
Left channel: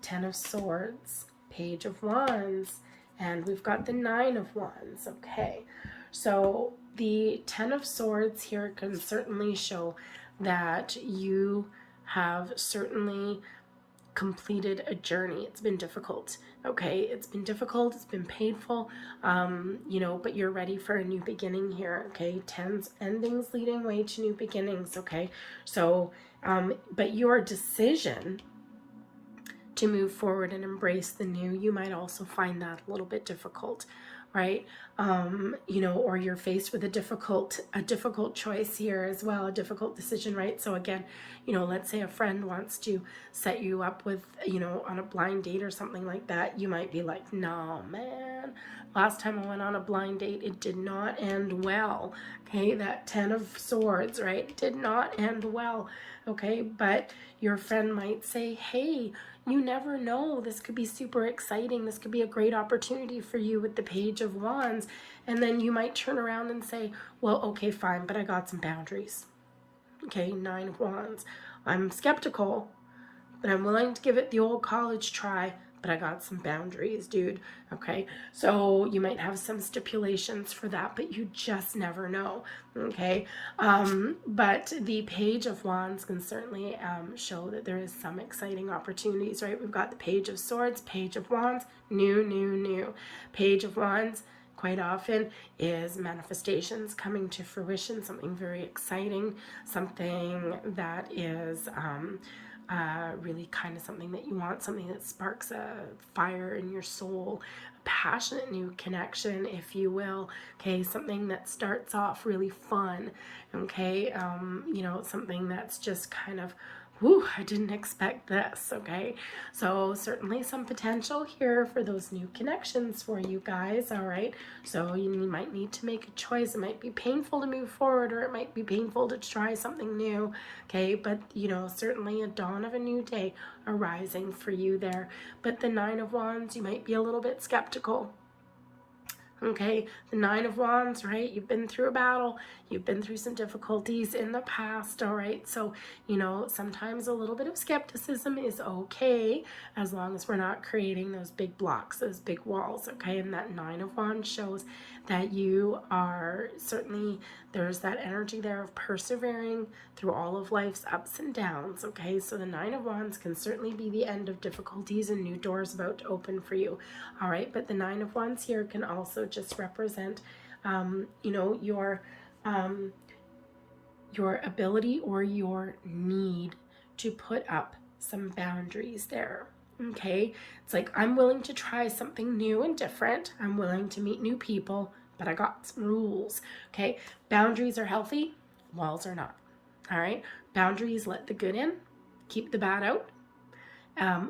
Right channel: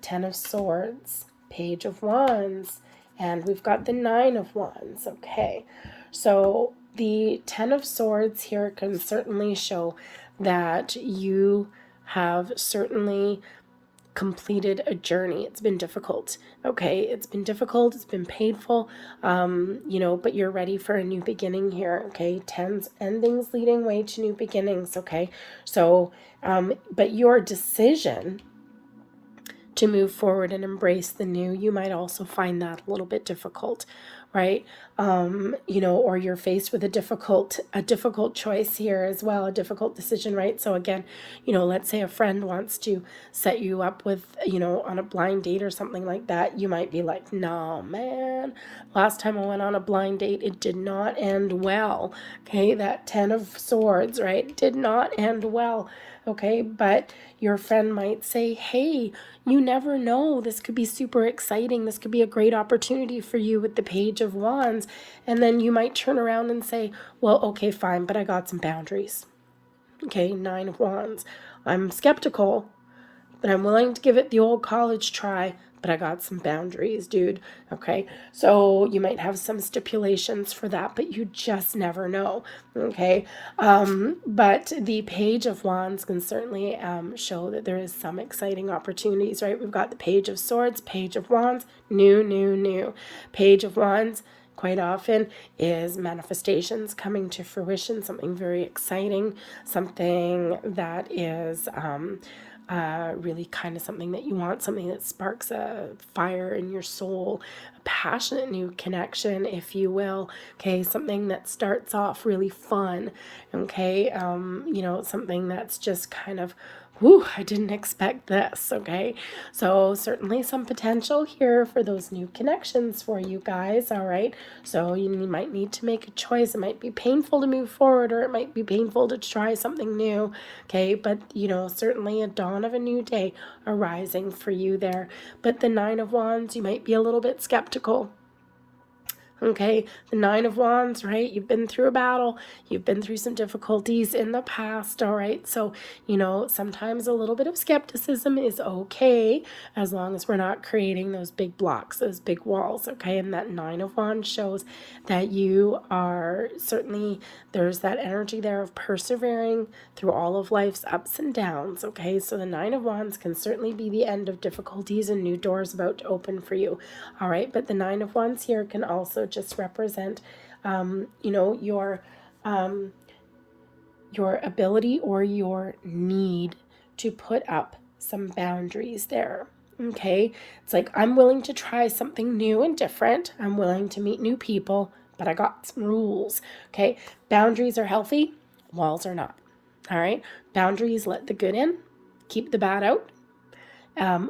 Ten of Swords, Page of Wands, and we've got the Nine of Wands. Okay, so the Ten of Swords here can certainly show that you have certainly completed a journey. It's been difficult. Okay, it's been difficult, it's been painful, but you're ready for a new beginning here. Okay, tens endings leading way to new beginnings. Okay, so but your decision to move forward and embrace the new, you might also find that a little bit difficult, right? Or you're faced with a difficult choice here as well, a difficult decision, right? So again, let's say a friend wants to set you up with, on a blind date or something like that. You might be like, nah, man, last time I went on a blind date, it did not end well. Okay, that Ten of Swords, right? Did not end well. Okay, but your friend might say, hey, you never know, this could be super exciting, this could be a great opportunity for you with the Page of Wands. And then you might turn around and say, well, okay, fine, but I got some boundaries. Okay, Nine of Wands. I'm skeptical, but I'm willing to give it the old college try, but I got some boundaries, dude. Okay, so you might have some stipulations for that, but you just never know. Okay, but the Page of Wands can certainly show that there is some exciting opportunities, right? We've got the Page of Swords, Page of Wands, new. Page of Wands quite often is manifestations coming to fruition, something very exciting, something that is really kind of something that you want, something that sparks a fire in your soul, a passionate new connection, if you will. Okay, something that starts off really fun. Okay, something that's just kind of Whew, I didn't expect this, okay? So certainly some potential here for those new connections for you guys, all right? So you might need to make a choice. It might be painful to move forward, or it might be painful to try something new, okay? But, certainly a dawn of a new day arising for you there. But the Nine of Wands, you might be a little bit skeptical. Okay, the Nine of Wands, right? You've been through a battle. You've been through some difficulties in the past, all right? So, sometimes a little bit of skepticism is okay as long as we're not creating those big blocks, those big walls, okay? And that Nine of Wands shows that you are certainly, there's that energy there of persevering through all of life's ups and downs, okay? So the Nine of Wands can certainly be the end of difficulties and new doors about to open for you, all right? But the Nine of Wands here can also just represent, your ability or your need to put up some boundaries there. Okay, it's like, I'm willing to try something new and different. I'm willing to meet new people, but I got some rules. Okay, boundaries are healthy, walls are not. All right, boundaries let the good in, keep the bad out.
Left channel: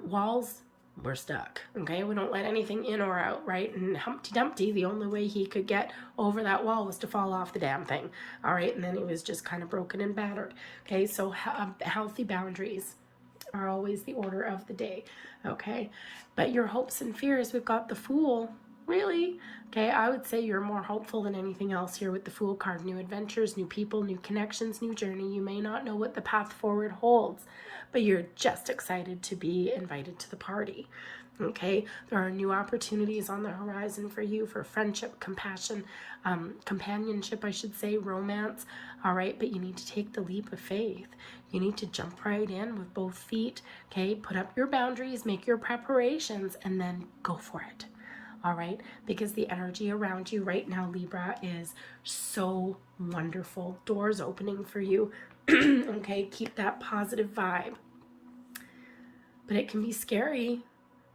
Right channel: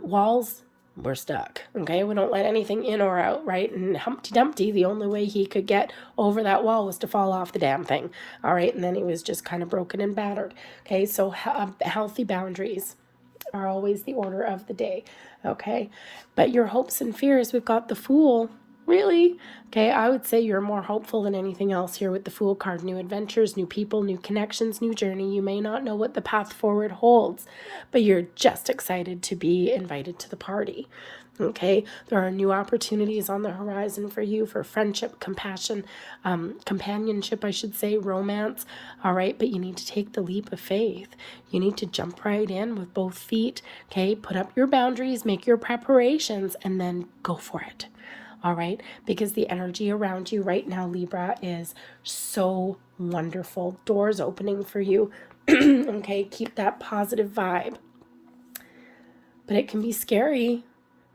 Walls, we're stuck. Okay, we don't let anything in or out, right? And Humpty Dumpty, the only way he could get over that wall was to fall off the damn thing. All right, and then he was just kind of broken and battered. Okay, so healthy boundaries are always the order of the day. Okay, but your hopes and fears, we've got the Fool. Really? Okay, I would say you're more hopeful than anything else here with the Fool card. New adventures, new people, new connections, new journey. You may not know what the path forward holds, but you're just excited to be invited to the party. Okay, there are new opportunities on the horizon for you for friendship, compassion, companionship, I should say, romance. All right, but you need to take the leap of faith. You need to jump right in with both feet. Okay, put up your boundaries, make your preparations, and then go for it. All right, because the energy around you right now, Libra, is so wonderful. Doors opening for you. Okay, keep that positive vibe. But it can be scary,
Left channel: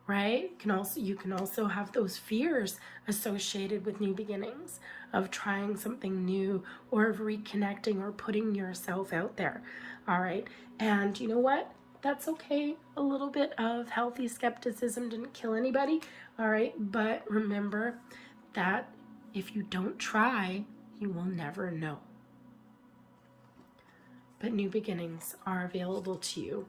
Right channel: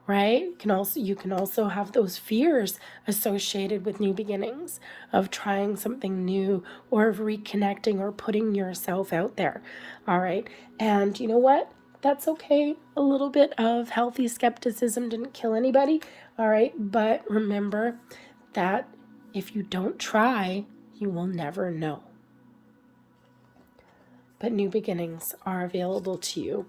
right? You can also have those fears associated with new beginnings, of trying something new, or of reconnecting or putting yourself out there. All right, and you know what? That's okay. A little bit of healthy skepticism didn't kill anybody. All right, but remember that if you don't try, you will never know. But new beginnings are available to you.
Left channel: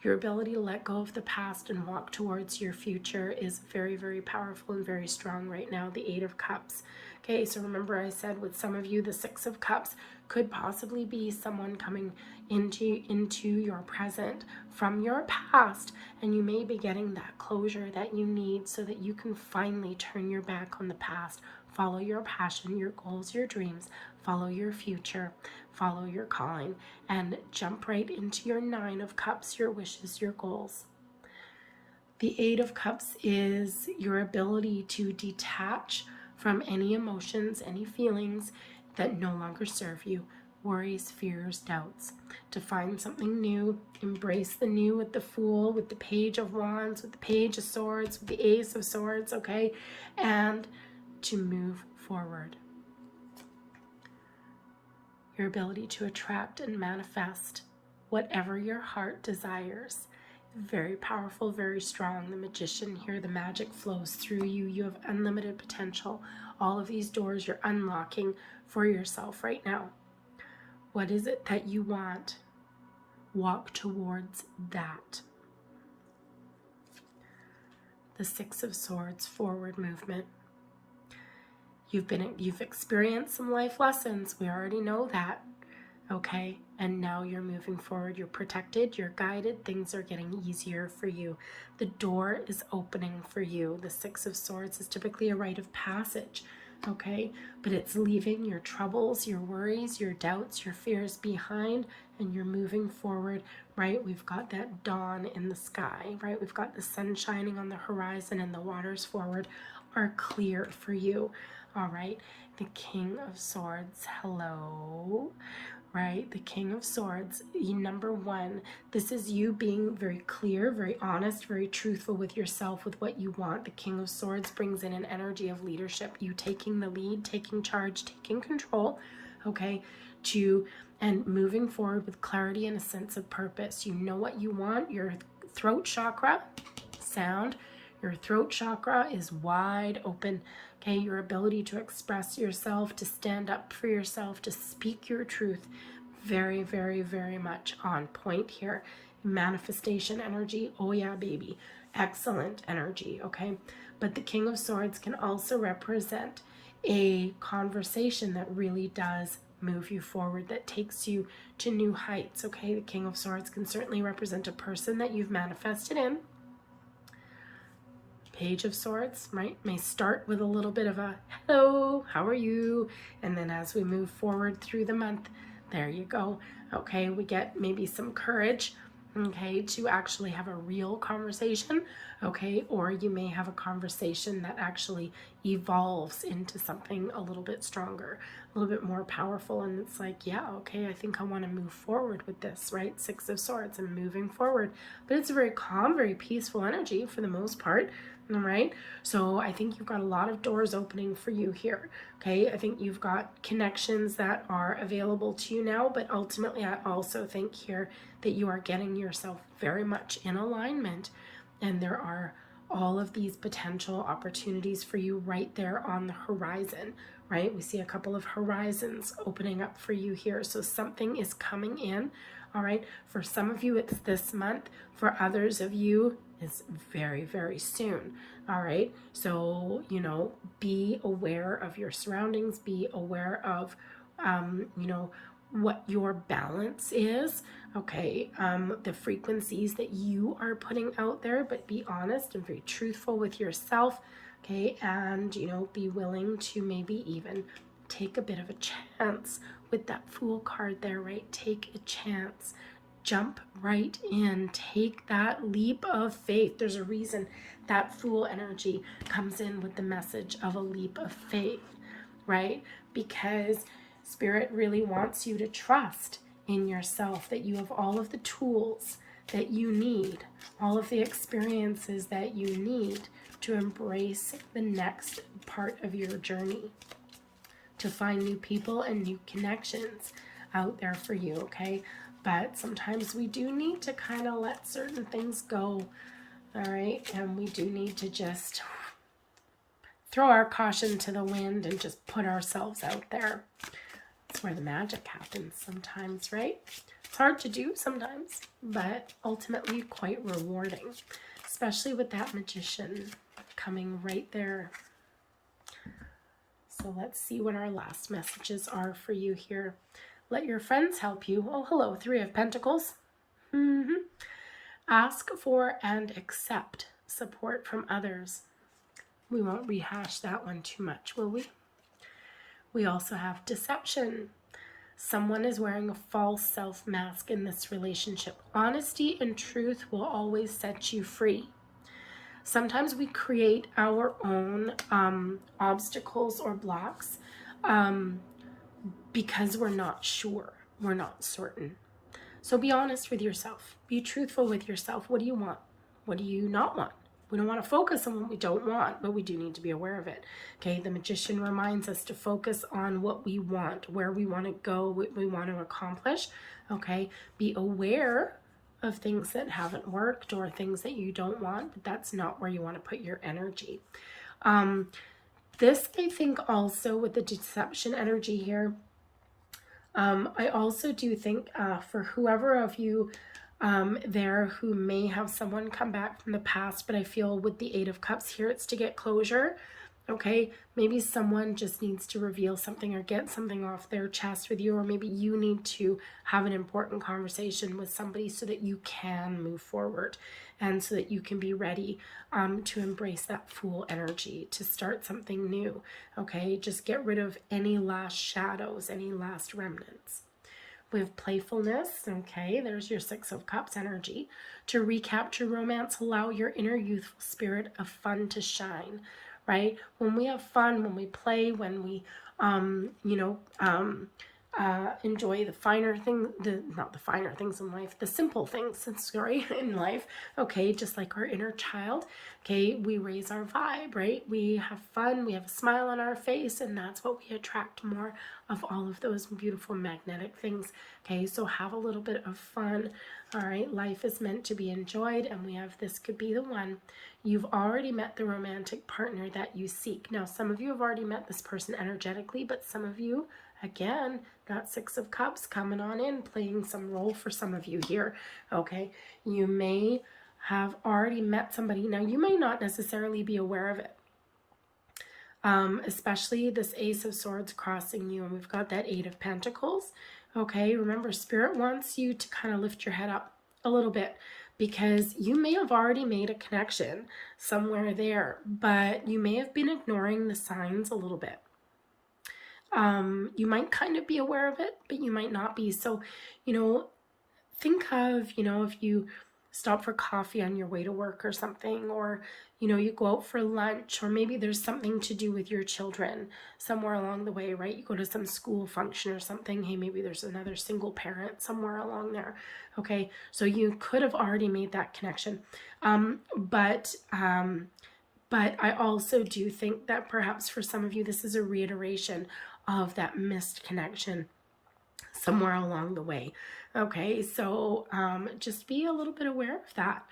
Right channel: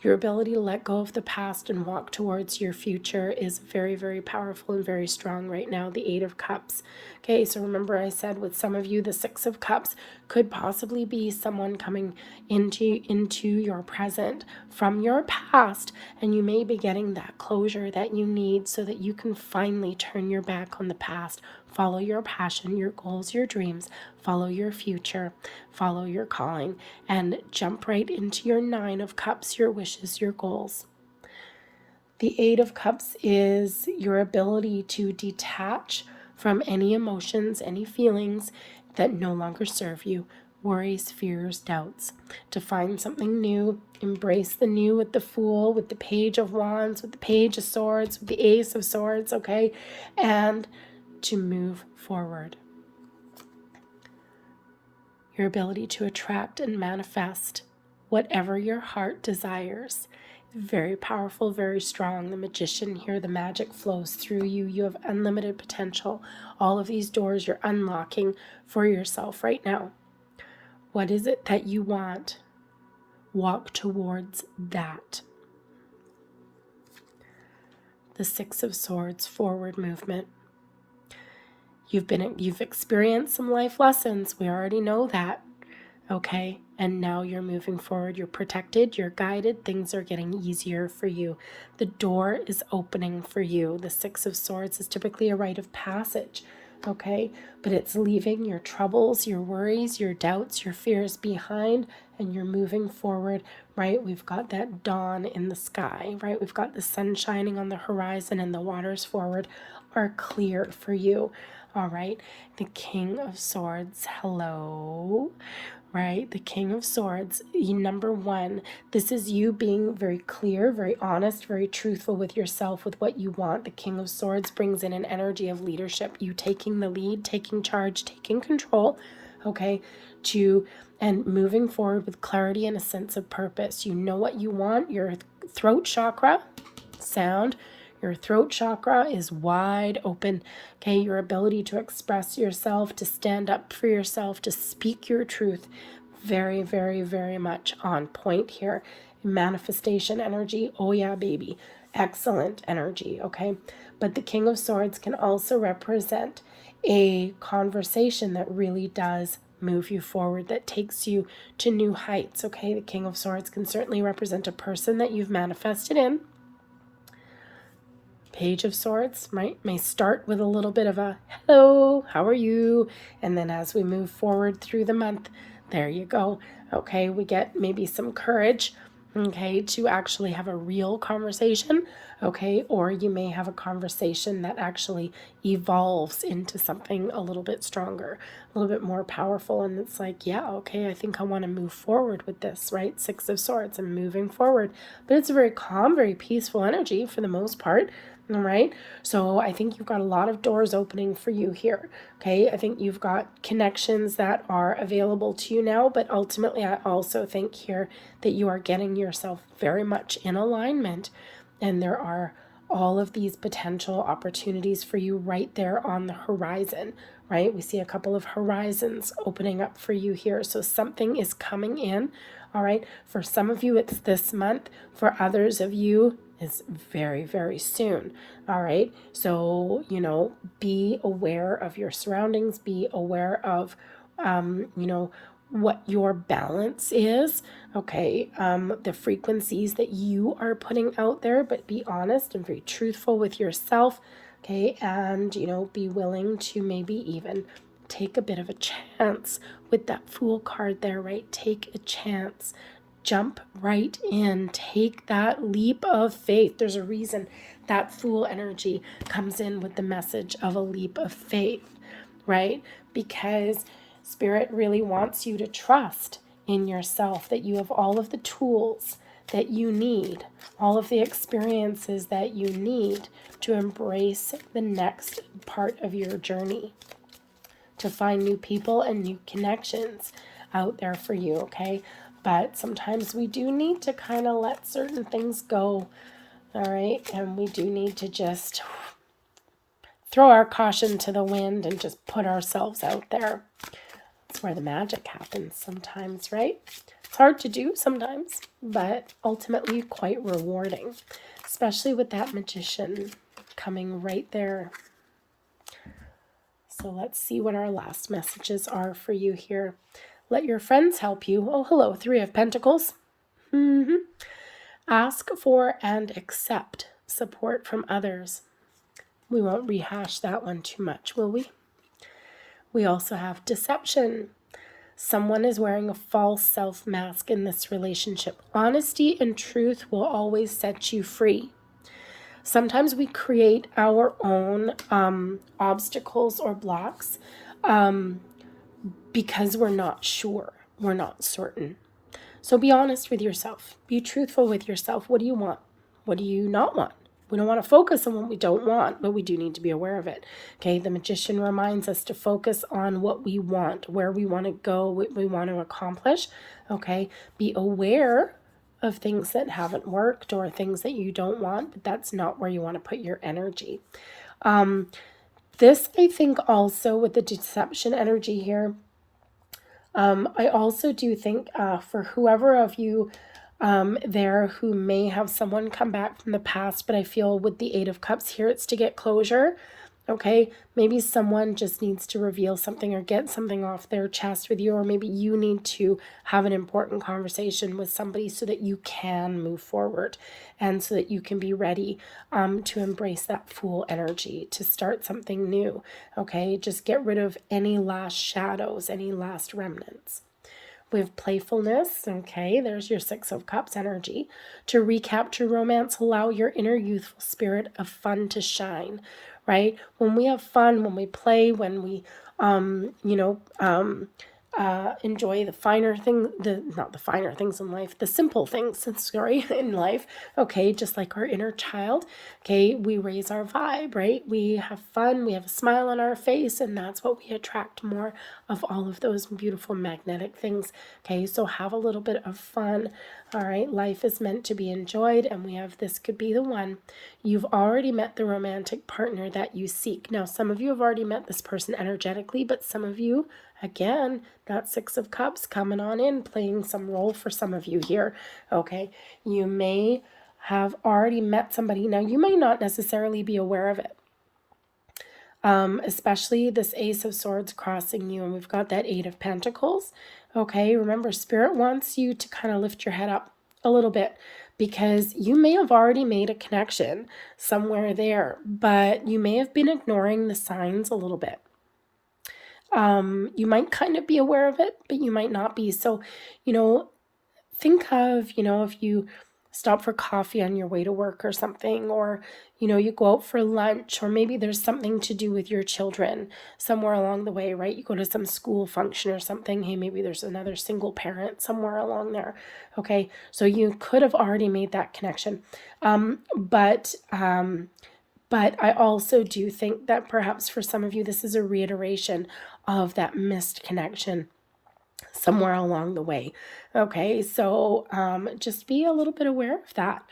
Your ability to let go of the past and walk towards your future is very, very powerful and very strong right now. The Eight of Cups. Okay, so remember I said with some of you, the Six of Cups could possibly be someone coming into your present from your past, and you may be getting that closure that you need so that you can finally turn your back on the past, follow your passion, your goals, your dreams, follow your future, follow your calling, and jump right into your Nine of Cups, your wishes, your goals. The Eight of Cups is your ability to detach from any emotions, any feelings that no longer serve you, worries, fears, doubts, to find something new, embrace the new with the Fool, with the Page of Wands, with the Page of Swords, with the Ace of Swords, okay, and to move forward. Your ability to attract and manifest whatever your heart desires. Very powerful, very strong. The Magician here, the magic flows through you. You have unlimited potential. All of these doors you're unlocking for yourself right now. What is it that you want? Walk towards that. The Six of Swords, forward movement. You've experienced some life lessons. We already know that. Okay, and now you're moving forward. You're protected, you're guided, things are getting easier for you. The door is opening for you. The Six of Swords is typically a rite of passage, okay? But it's leaving your troubles, your worries, your doubts, your fears behind, and you're moving forward, right? We've got that dawn in the sky, right? We've got the sun shining on the horizon, and the waters forward are clear for you, all right? The King of Swords, hello. Right? The King of Swords, number one, this is you being very clear, very honest, very truthful with yourself, with what you want. The King of Swords brings in an energy of leadership, you taking the lead, taking charge, taking control, okay, and moving forward with clarity and a sense of purpose. You know what you want. Your throat chakra, sound, your throat chakra is wide open. Okay, your ability to express yourself, to stand up for yourself, to speak your truth, very, very, very much on point here. Manifestation energy, oh yeah, baby, excellent energy, okay? But the King of Swords can also represent a conversation that really does move you forward, that takes you to new heights, okay? The King of Swords can certainly represent a person that you've manifested in. Page of Swords, right, may start with a little bit of a hello, how are you? And then as we move forward through the month, there you go. Okay, we get maybe some courage, okay, to actually have a real conversation, okay, or you may have a conversation that actually evolves into something a little bit stronger, a little bit more powerful, and it's like, yeah, okay, I think I want to move forward with this, right? Six of Swords, and moving forward. But it's a very calm, very peaceful energy for the most part. All right. So I think you've got a lot of doors opening for you here. Okay. I think you've got connections that are available to you now, but ultimately I also think here that you are getting yourself very much in alignment, and there are all of these potential opportunities for you right there on the horizon, right? We see a couple of horizons opening up for you here. So something is coming in. All right. For some of you, it's this month. For others of you, is very, very soon. All right. So, be aware of your surroundings, be aware of, what your balance is. Okay. The frequencies that you are putting out there, but be honest and very truthful with yourself. Okay. And, be willing to maybe even take a bit of a chance with that Fool card there, right? Take a chance. Jump right in. Take that leap of faith. There's a reason that Fool energy comes in with the message of a leap of faith, right? Because Spirit really wants you to trust in yourself, that you have all of the tools that you need, all of the experiences that you need to embrace the next part of your journey, to find new people and new connections out there for you, okay? But sometimes we do need to kind of let certain things go, all right? And we do need to just throw our caution to the wind and just put ourselves out there. That's where the magic happens sometimes, right? It's hard to do sometimes, but ultimately quite rewarding, especially with that Magician coming right there. So let's see what our last messages are for you here. Let your friends help you. Oh, hello, Three of Pentacles. Ask for and accept support from others. We won't rehash that one too much, will we? We also have deception. Someone is wearing a false self mask in this relationship. Honesty and truth will always set you free. Sometimes we create our own obstacles or blocks because we're not sure, we're not certain. So be honest with yourself. Be truthful with yourself. What do you want? What do you not want? We don't want to focus on what we don't want, but we do need to be aware of it. Okay, the Magician reminds us to focus on what we want, where we want to go, what we want to accomplish. Okay, be aware of things that haven't worked or things that you don't want, but that's not where you want to put your energy. This, I think, also with the deception energy here, I also do think for whoever of you there who may have someone come back from the past, but I feel with the Eight of Cups here, it's to get closure. Okay, maybe someone just needs to reveal something or get something off their chest with you, or maybe you need to have an important conversation with somebody so that you can move forward and so that you can be ready to embrace that Fool energy, to start something new. Okay, just get rid of any last shadows, any last remnants. With playfulness, okay, there's your Six of Cups energy. To recapture romance, allow your inner youthful spirit of fun to shine, right? When we have fun, when we play, when we, enjoy the finer thing, not the finer things in life, the simple things, sorry, in life. Okay, just like our inner child. Okay, we raise our vibe, right? We have fun, we have a smile on our face, and that's what we attract more of, all of those beautiful magnetic things. Okay, so have a little bit of fun. All right, life is meant to be enjoyed, and we have this could be the one. You've already met the romantic partner that you seek. Now, some of you have already met this person energetically, but some of you, again, that Six of Cups coming on in, playing some role for some of you here. Okay, you may have already met somebody. Now, you may not necessarily be aware of it. Especially this Ace of Swords crossing you, and we've got that Eight of Pentacles. Okay, remember, Spirit wants you to kind of lift your head up a little bit, because you may have already made a connection somewhere there, but you may have been ignoring the signs a little bit. You might kind of be aware of it, but you might not be. So, think of, if you stop for coffee on your way to work or something, or, you go out for lunch, or maybe there's something to do with your children somewhere along the way, right? You go to some school function or something. Hey, maybe there's another single parent somewhere along there. Okay, so you could have already made that connection. But I also do think that perhaps for some of you, this is a reiteration of that missed connection somewhere along the way. Okay, so just be a little bit aware of that.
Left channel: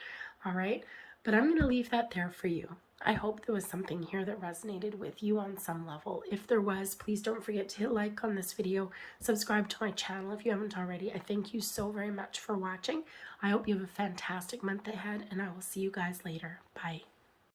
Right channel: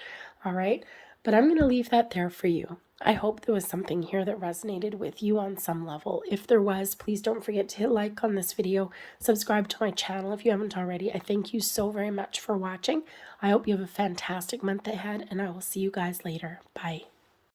All right, but I'm going to leave that there for you. I hope there was something here that resonated with you on some level. If there was, please don't forget to hit like on this video, subscribe to my channel if you haven't already. I thank you so very much for watching. I hope you have a fantastic month ahead, and I will see you guys later. Bye.